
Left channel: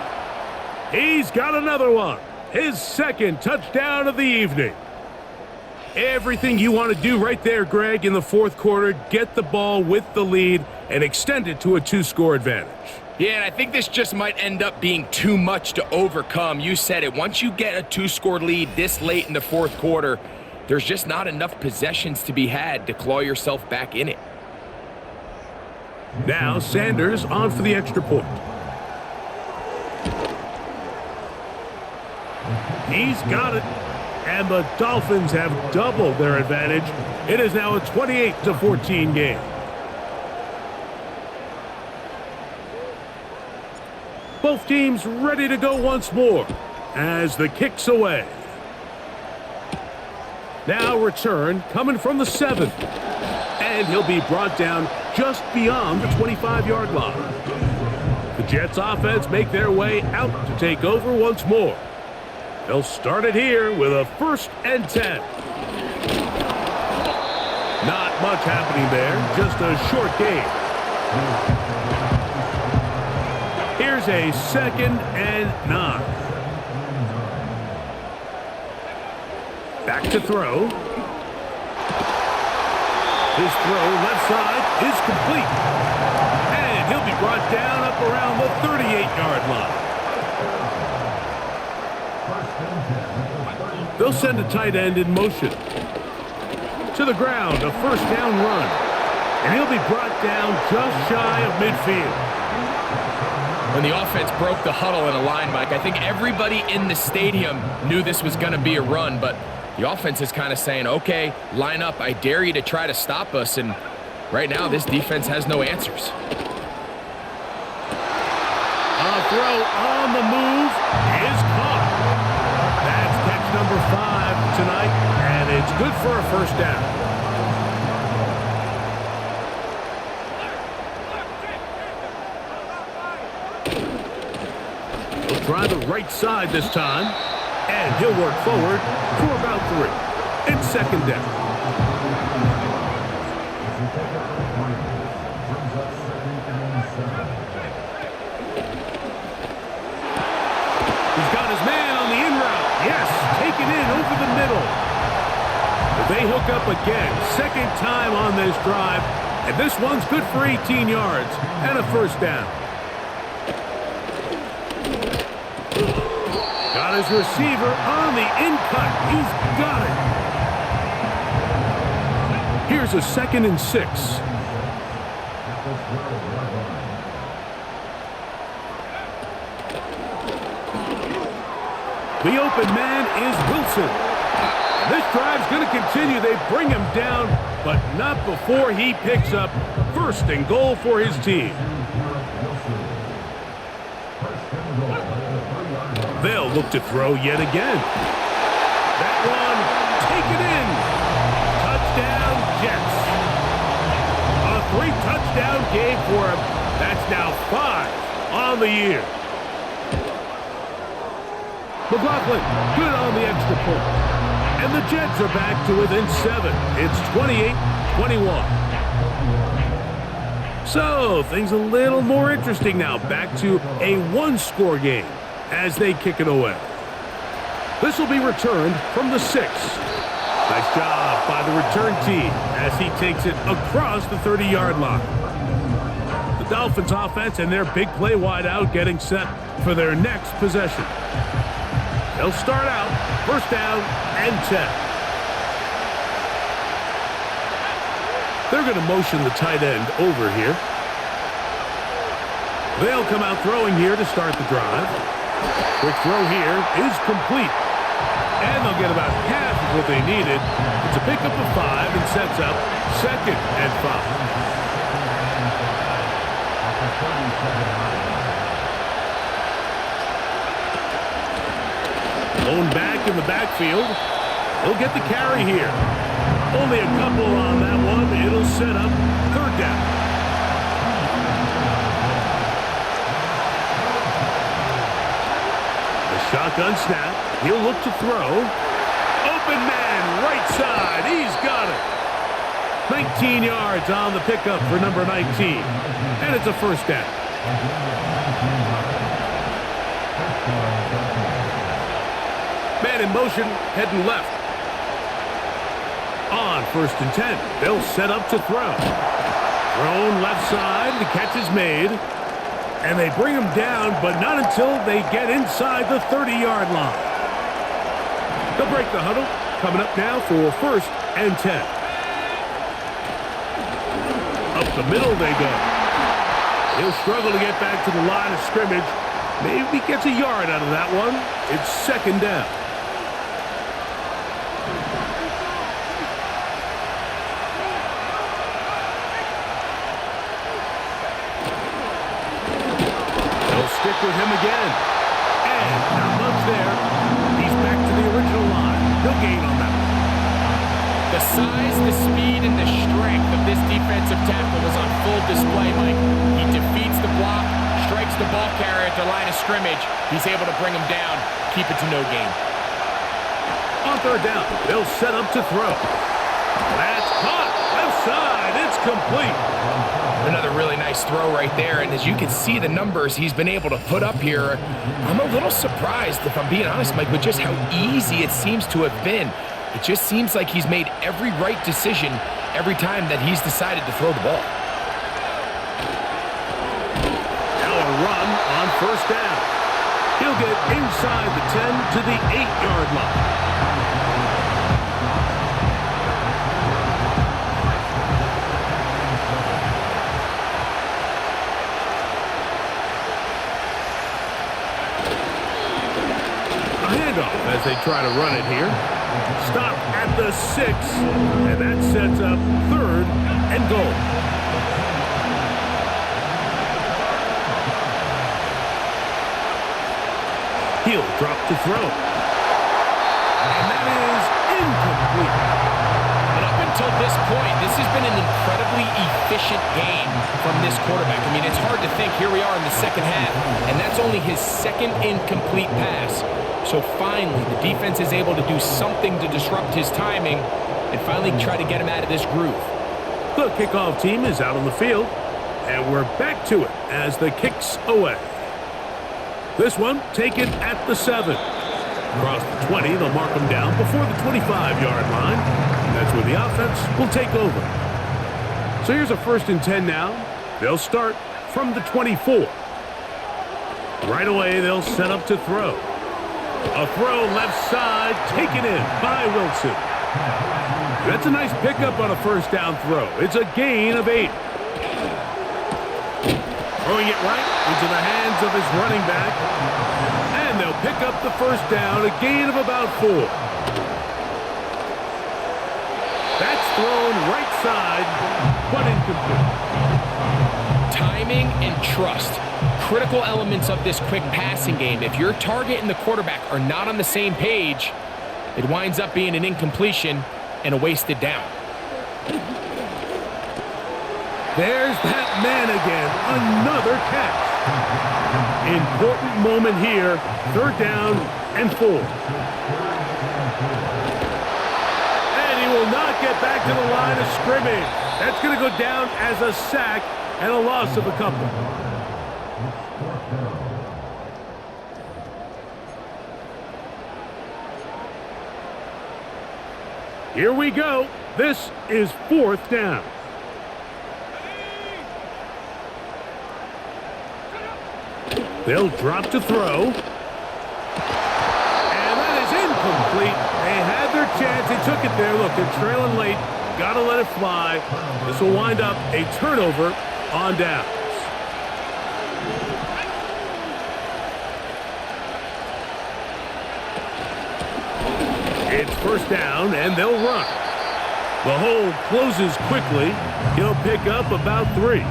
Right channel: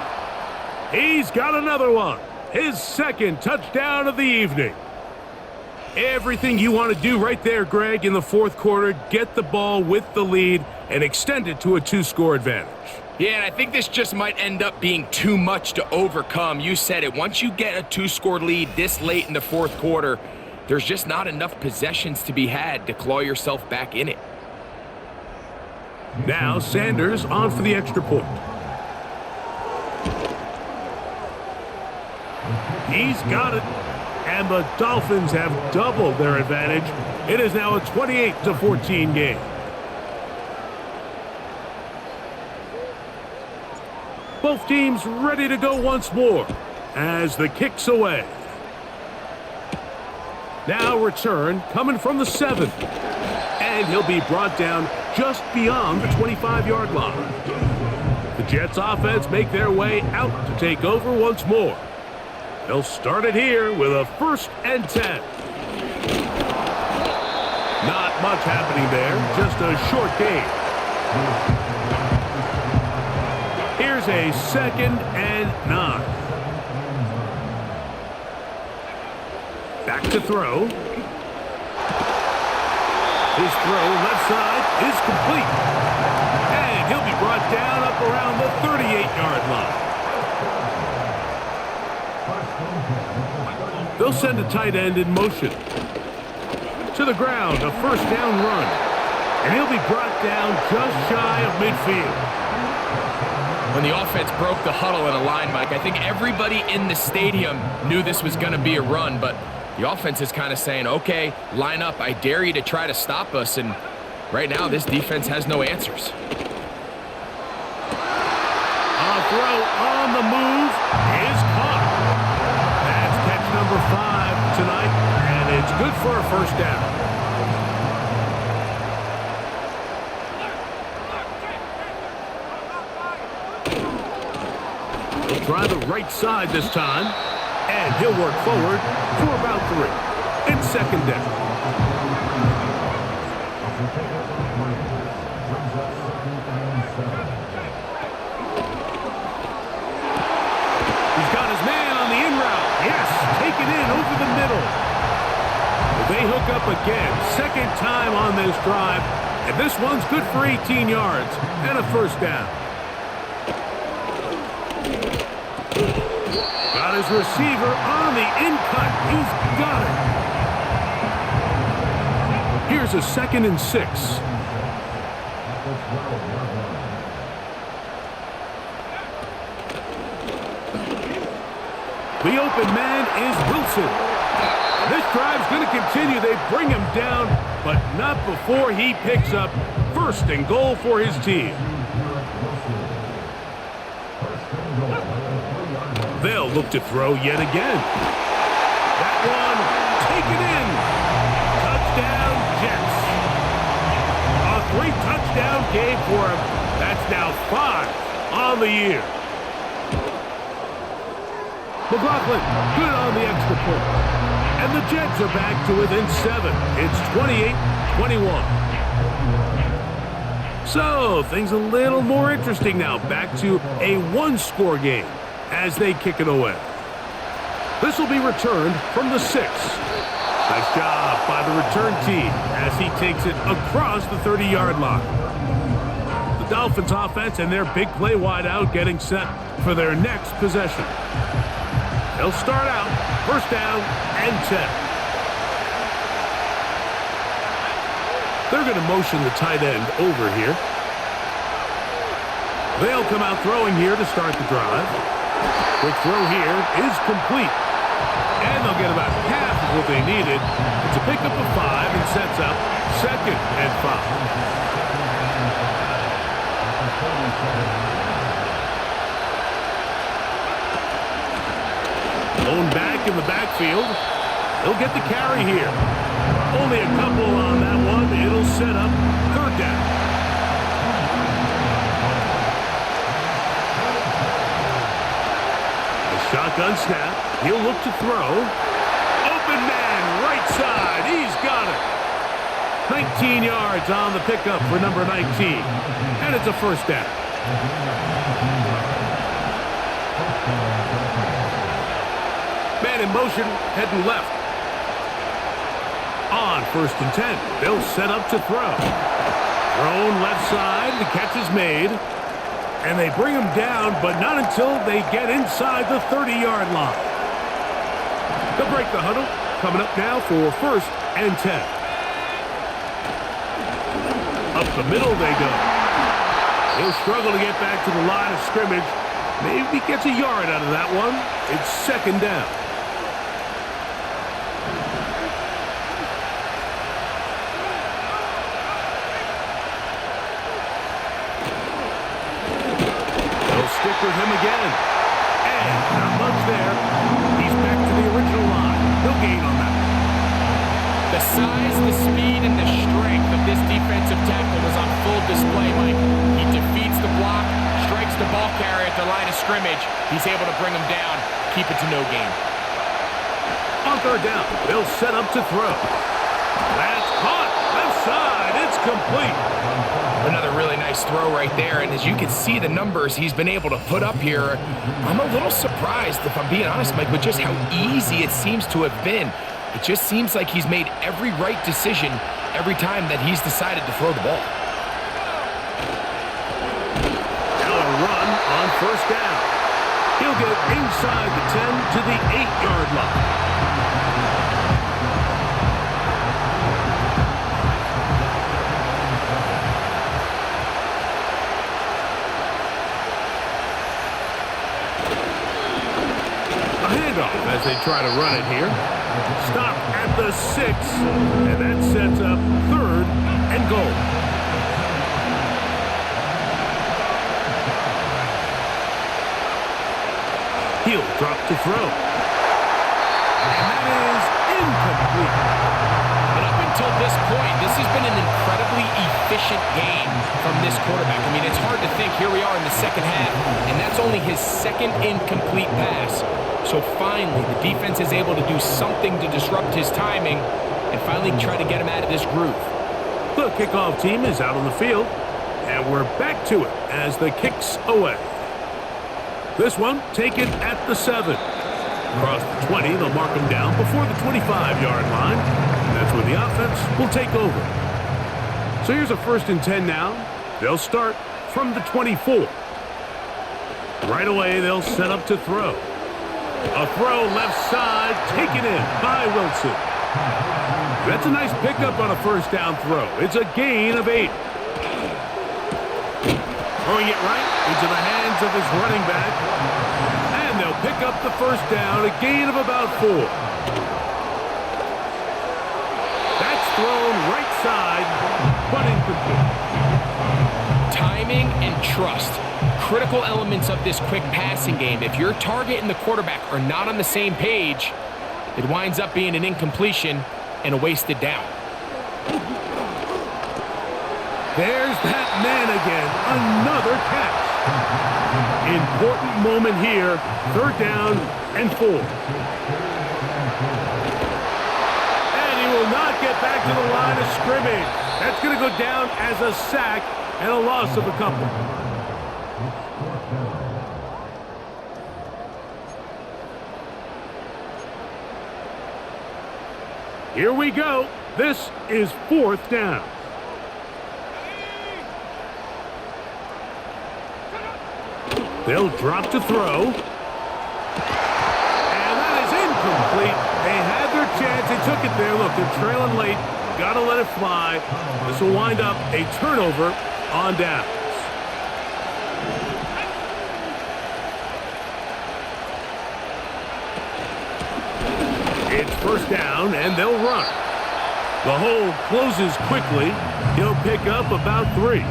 He's got another one. His second touchdown of the evening. Everything you want to do right there, Greg, in the fourth quarter. Get the ball with the lead and extend it to a 2-score advantage. Yeah, and I think this just might end up being too much to overcome. You said it. Once you get a 2-score lead this late in the fourth quarter, there's just not enough possessions to be had to claw yourself back in it. Now Sanders on for the extra point. He's got it. And the Dolphins have doubled their advantage. It is now a 28-14 game. Both teams ready to go once more as the kick's away. Now return coming from the 7. And he'll be brought down just beyond the 25-yard line. The Jets offense make their way out to take over once more. They'll start it here with a 1st and 10. Not much happening there, just a short gain. Here's a 2nd and 9. Back to throw. His throw left side is complete. And he'll be brought down up around the 38-yard line. They'll send a tight end in motion. To the ground, a 1st down run. And he'll be brought down just shy of midfield. When the offense broke the huddle in a line, Mike, I think everybody in the stadium knew this was going to be a run, but the offense is kind of saying, okay, line up. I dare you to try to stop us. And right now, this defense has no answers. A throw on the move is caught. That's catch number 5 tonight, and it's good for a 1st down. He'll try the right side this time, and he'll work forward for about 3. It's 2nd down. He's got his man on the in route. Yes, take it in over the middle. But they hook up again. 2nd time on this drive. And this one's good for 18 yards and a 1st down. Got his receiver on the in cut. He's got it. Here's a 2nd and 6. The open man is Wilson. And this drive's going to continue. They bring him down, but not before he picks up 1st and goal for his team. They'll look to throw yet again. That one taken in. Touchdown, Jets. A 3-touchdown game for him. That's now 5 on the year. McLaughlin, good on the extra point. And the Jets are back to within 7. It's 28-21. So, things a little more interesting now. Back to a 1-score game as they kick it away. This will be returned from the 6. Nice job by the return team as he takes it across the 30-yard line. The Dolphins offense and their big play wideout getting set for their next possession. They'll start out 1st down and 10. They're going to motion the tight end over here. They'll come out throwing here to start the drive. Quick throw here is complete. And they'll get about half of what they needed. It's a pickup of 5 and sets up 2nd and 5. Blown back in the backfield. He'll get the carry here. Only a couple on that one. It'll set up 3rd down. Shotgun snap. He'll look to throw. Open man, right side. He's got it. 19 yards on the pickup for number 19. And it's a first down. Man in motion, heading left. On 1st and 10. They'll set up to throw. Thrown left side. The catch is made. And they bring him down, but not until they get inside the 30-yard line. They'll break the huddle. Coming up now for 1st and 10. Up the middle they go. He'll struggle to get back to the line of scrimmage. Maybe gets a yard out of that one. It's 2nd down. They'll stick with him again. And not much there. He's back to the original line. No gain on that one. The size, the speed, and the strength of this defensive tackle was on full display, Mike. He defeats the block, strikes the ball carrier at the line of scrimmage. He's able to bring him down, keep it to no gain. On 3rd down, they'll set up to throw. That's caught. Left side. It's complete. Another really nice throw right there, and as you can see the numbers he's been able to put up here, I'm a little surprised, if I'm being honest, Mike, with just how easy it seems to have been. It just seems like he's made every right decision every time that he's decided to throw the ball. Now a run on 1st down. He'll get inside the 10 to the 8-yard line. A handoff as they try to run it here. Stop at the 6, and that sets up 3rd and goal. He'll drop to throw. And that is incomplete. And up until this point, this has been an incredibly efficient game from this quarterback. I mean, it's hard to think. Here we are in the 2nd half, and that's only his 2nd incomplete pass. So finally, the defense is able to do something to disrupt his timing and finally try to get him out of this groove. The kickoff team is out on the field, and we're back to it as the kick's away. This one taken at the 7. Across the 20, they'll mark him down before the 25-yard line. And that's where the offense will take over. So here's a 1st and 10 now. They'll start from the 24. Right away, they'll set up to throw. A throw left side, taken in by Wilson. That's a nice pickup on a 1st down throw. It's a gain of 8. Throwing it right into the hands of his running back. And they'll pick up the 1st down, a gain of about 4. That's thrown right side, but incomplete. Timing and trust. Critical elements of this quick passing game. If your target and the quarterback are not on the same page, it winds up being an incompletion and a wasted down. There's that man again. Another catch. Important moment here. 3rd down and 4. And he will not get back to the line of scrimmage. That's going to go down as a sack and a loss of a couple. Here we go. This is 4th down. They'll drop to throw. And that is incomplete. They had their chance. They took it there. Look, they're trailing late. Got to let it fly. This will wind up a turnover on downs. It's 1st down, and they'll run. The hole closes quickly. He'll pick up about 3.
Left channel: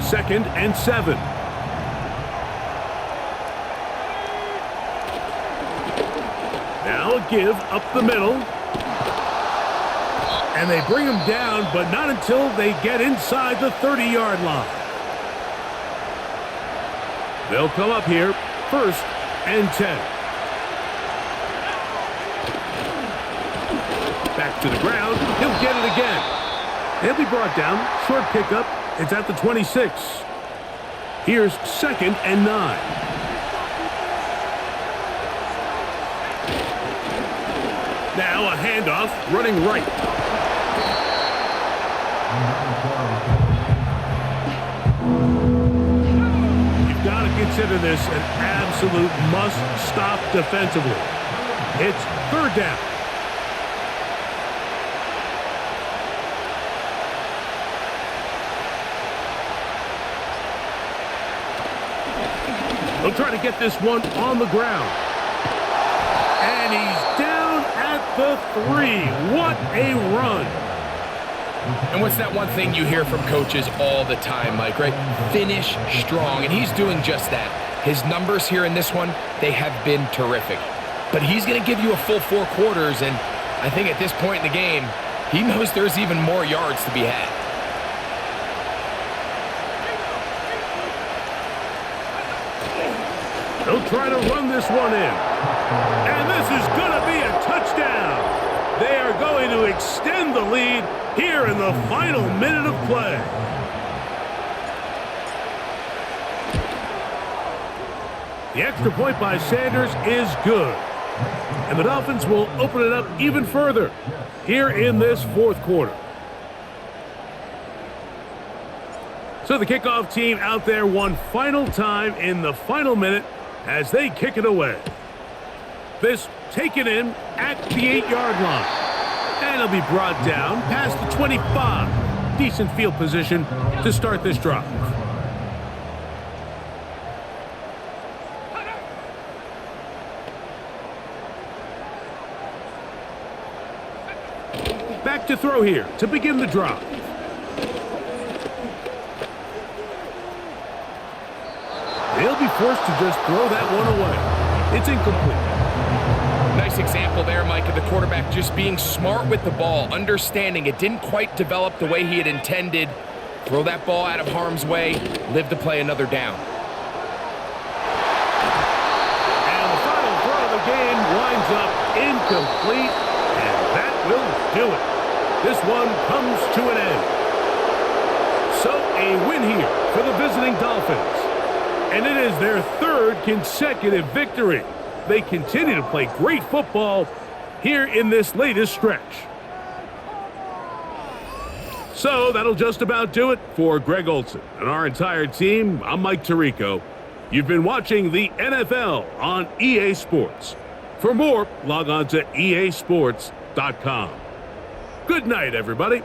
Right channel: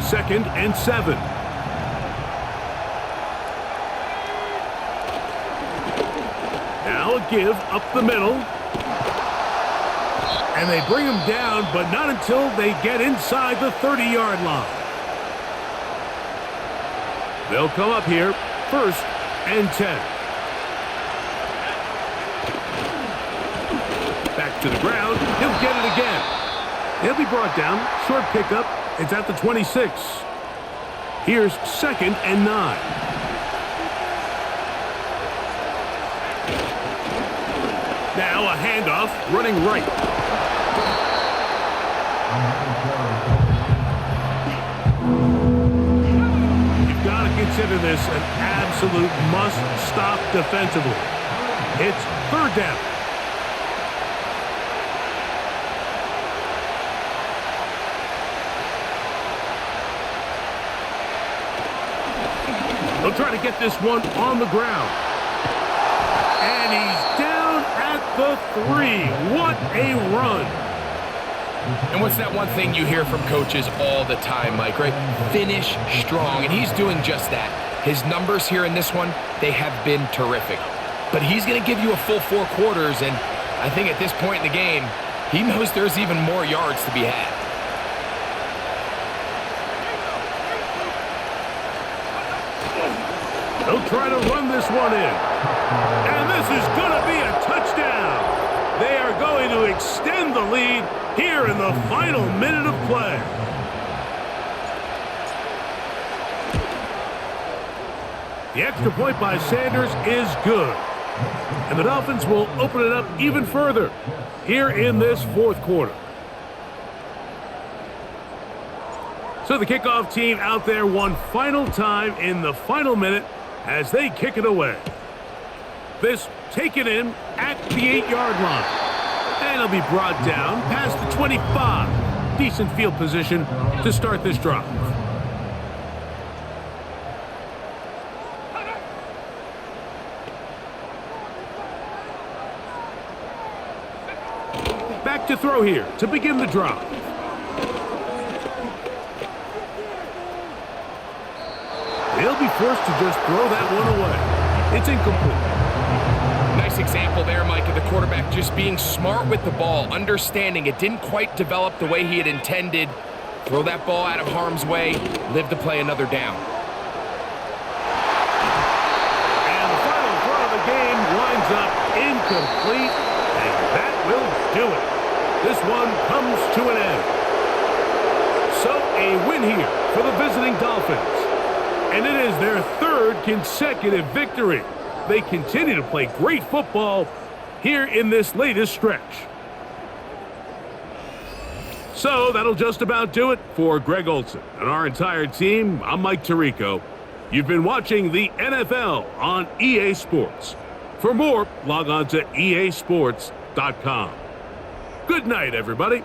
Second and 7. Now Now a give up the middle. And they bring him down, but not until they get inside the 30-yard line. They'll come up here, 1st and 10. Back to the ground. He'll get it again. He'll be brought down. Short pickup. It's at the 26. Here's 2nd and 9. Now a handoff, running right. You've got to consider this an absolute must-stop defensively. It's 3rd down. They'll try to get this one on the ground. And he's down at the 3. What a run. And what's that one thing you hear from coaches all the time, Mike, right? Finish strong, and he's doing just that. His numbers here in this one, they have been terrific. But he's going to give you a full 4 quarters, and I think at this point in the game, he knows there's even more yards to be had. They'll try to run this one in. And this is going to be a touchdown. They are going to extend the lead here in the final minute of play. The extra point by Sanders is good. And the Dolphins will open it up even further here in this 4th quarter. So the kickoff team out there one final time in the final minute as they kick it away. This taken in at the 8-yard line. And it'll be brought down past the 25. Decent field position to start this drive. Back to throw here to begin the drive. They'll be forced to just throw that one away. It's incomplete. Nice example there, Mike, of the quarterback just being smart with the ball, understanding it didn't quite develop the way he had intended. Throw that ball out of harm's way, live to play another down. And the final throw of the game winds up incomplete, and that will do it. This one comes to an end. So a win here for the visiting Dolphins. And it is their 3rd consecutive victory. They continue to play great football here in this latest stretch. So that'll just about do it for Greg Olson and our entire team. I'm Mike Tirico. You've been watching the NFL on EA Sports. For more, log on to easports.com. Good night, everybody.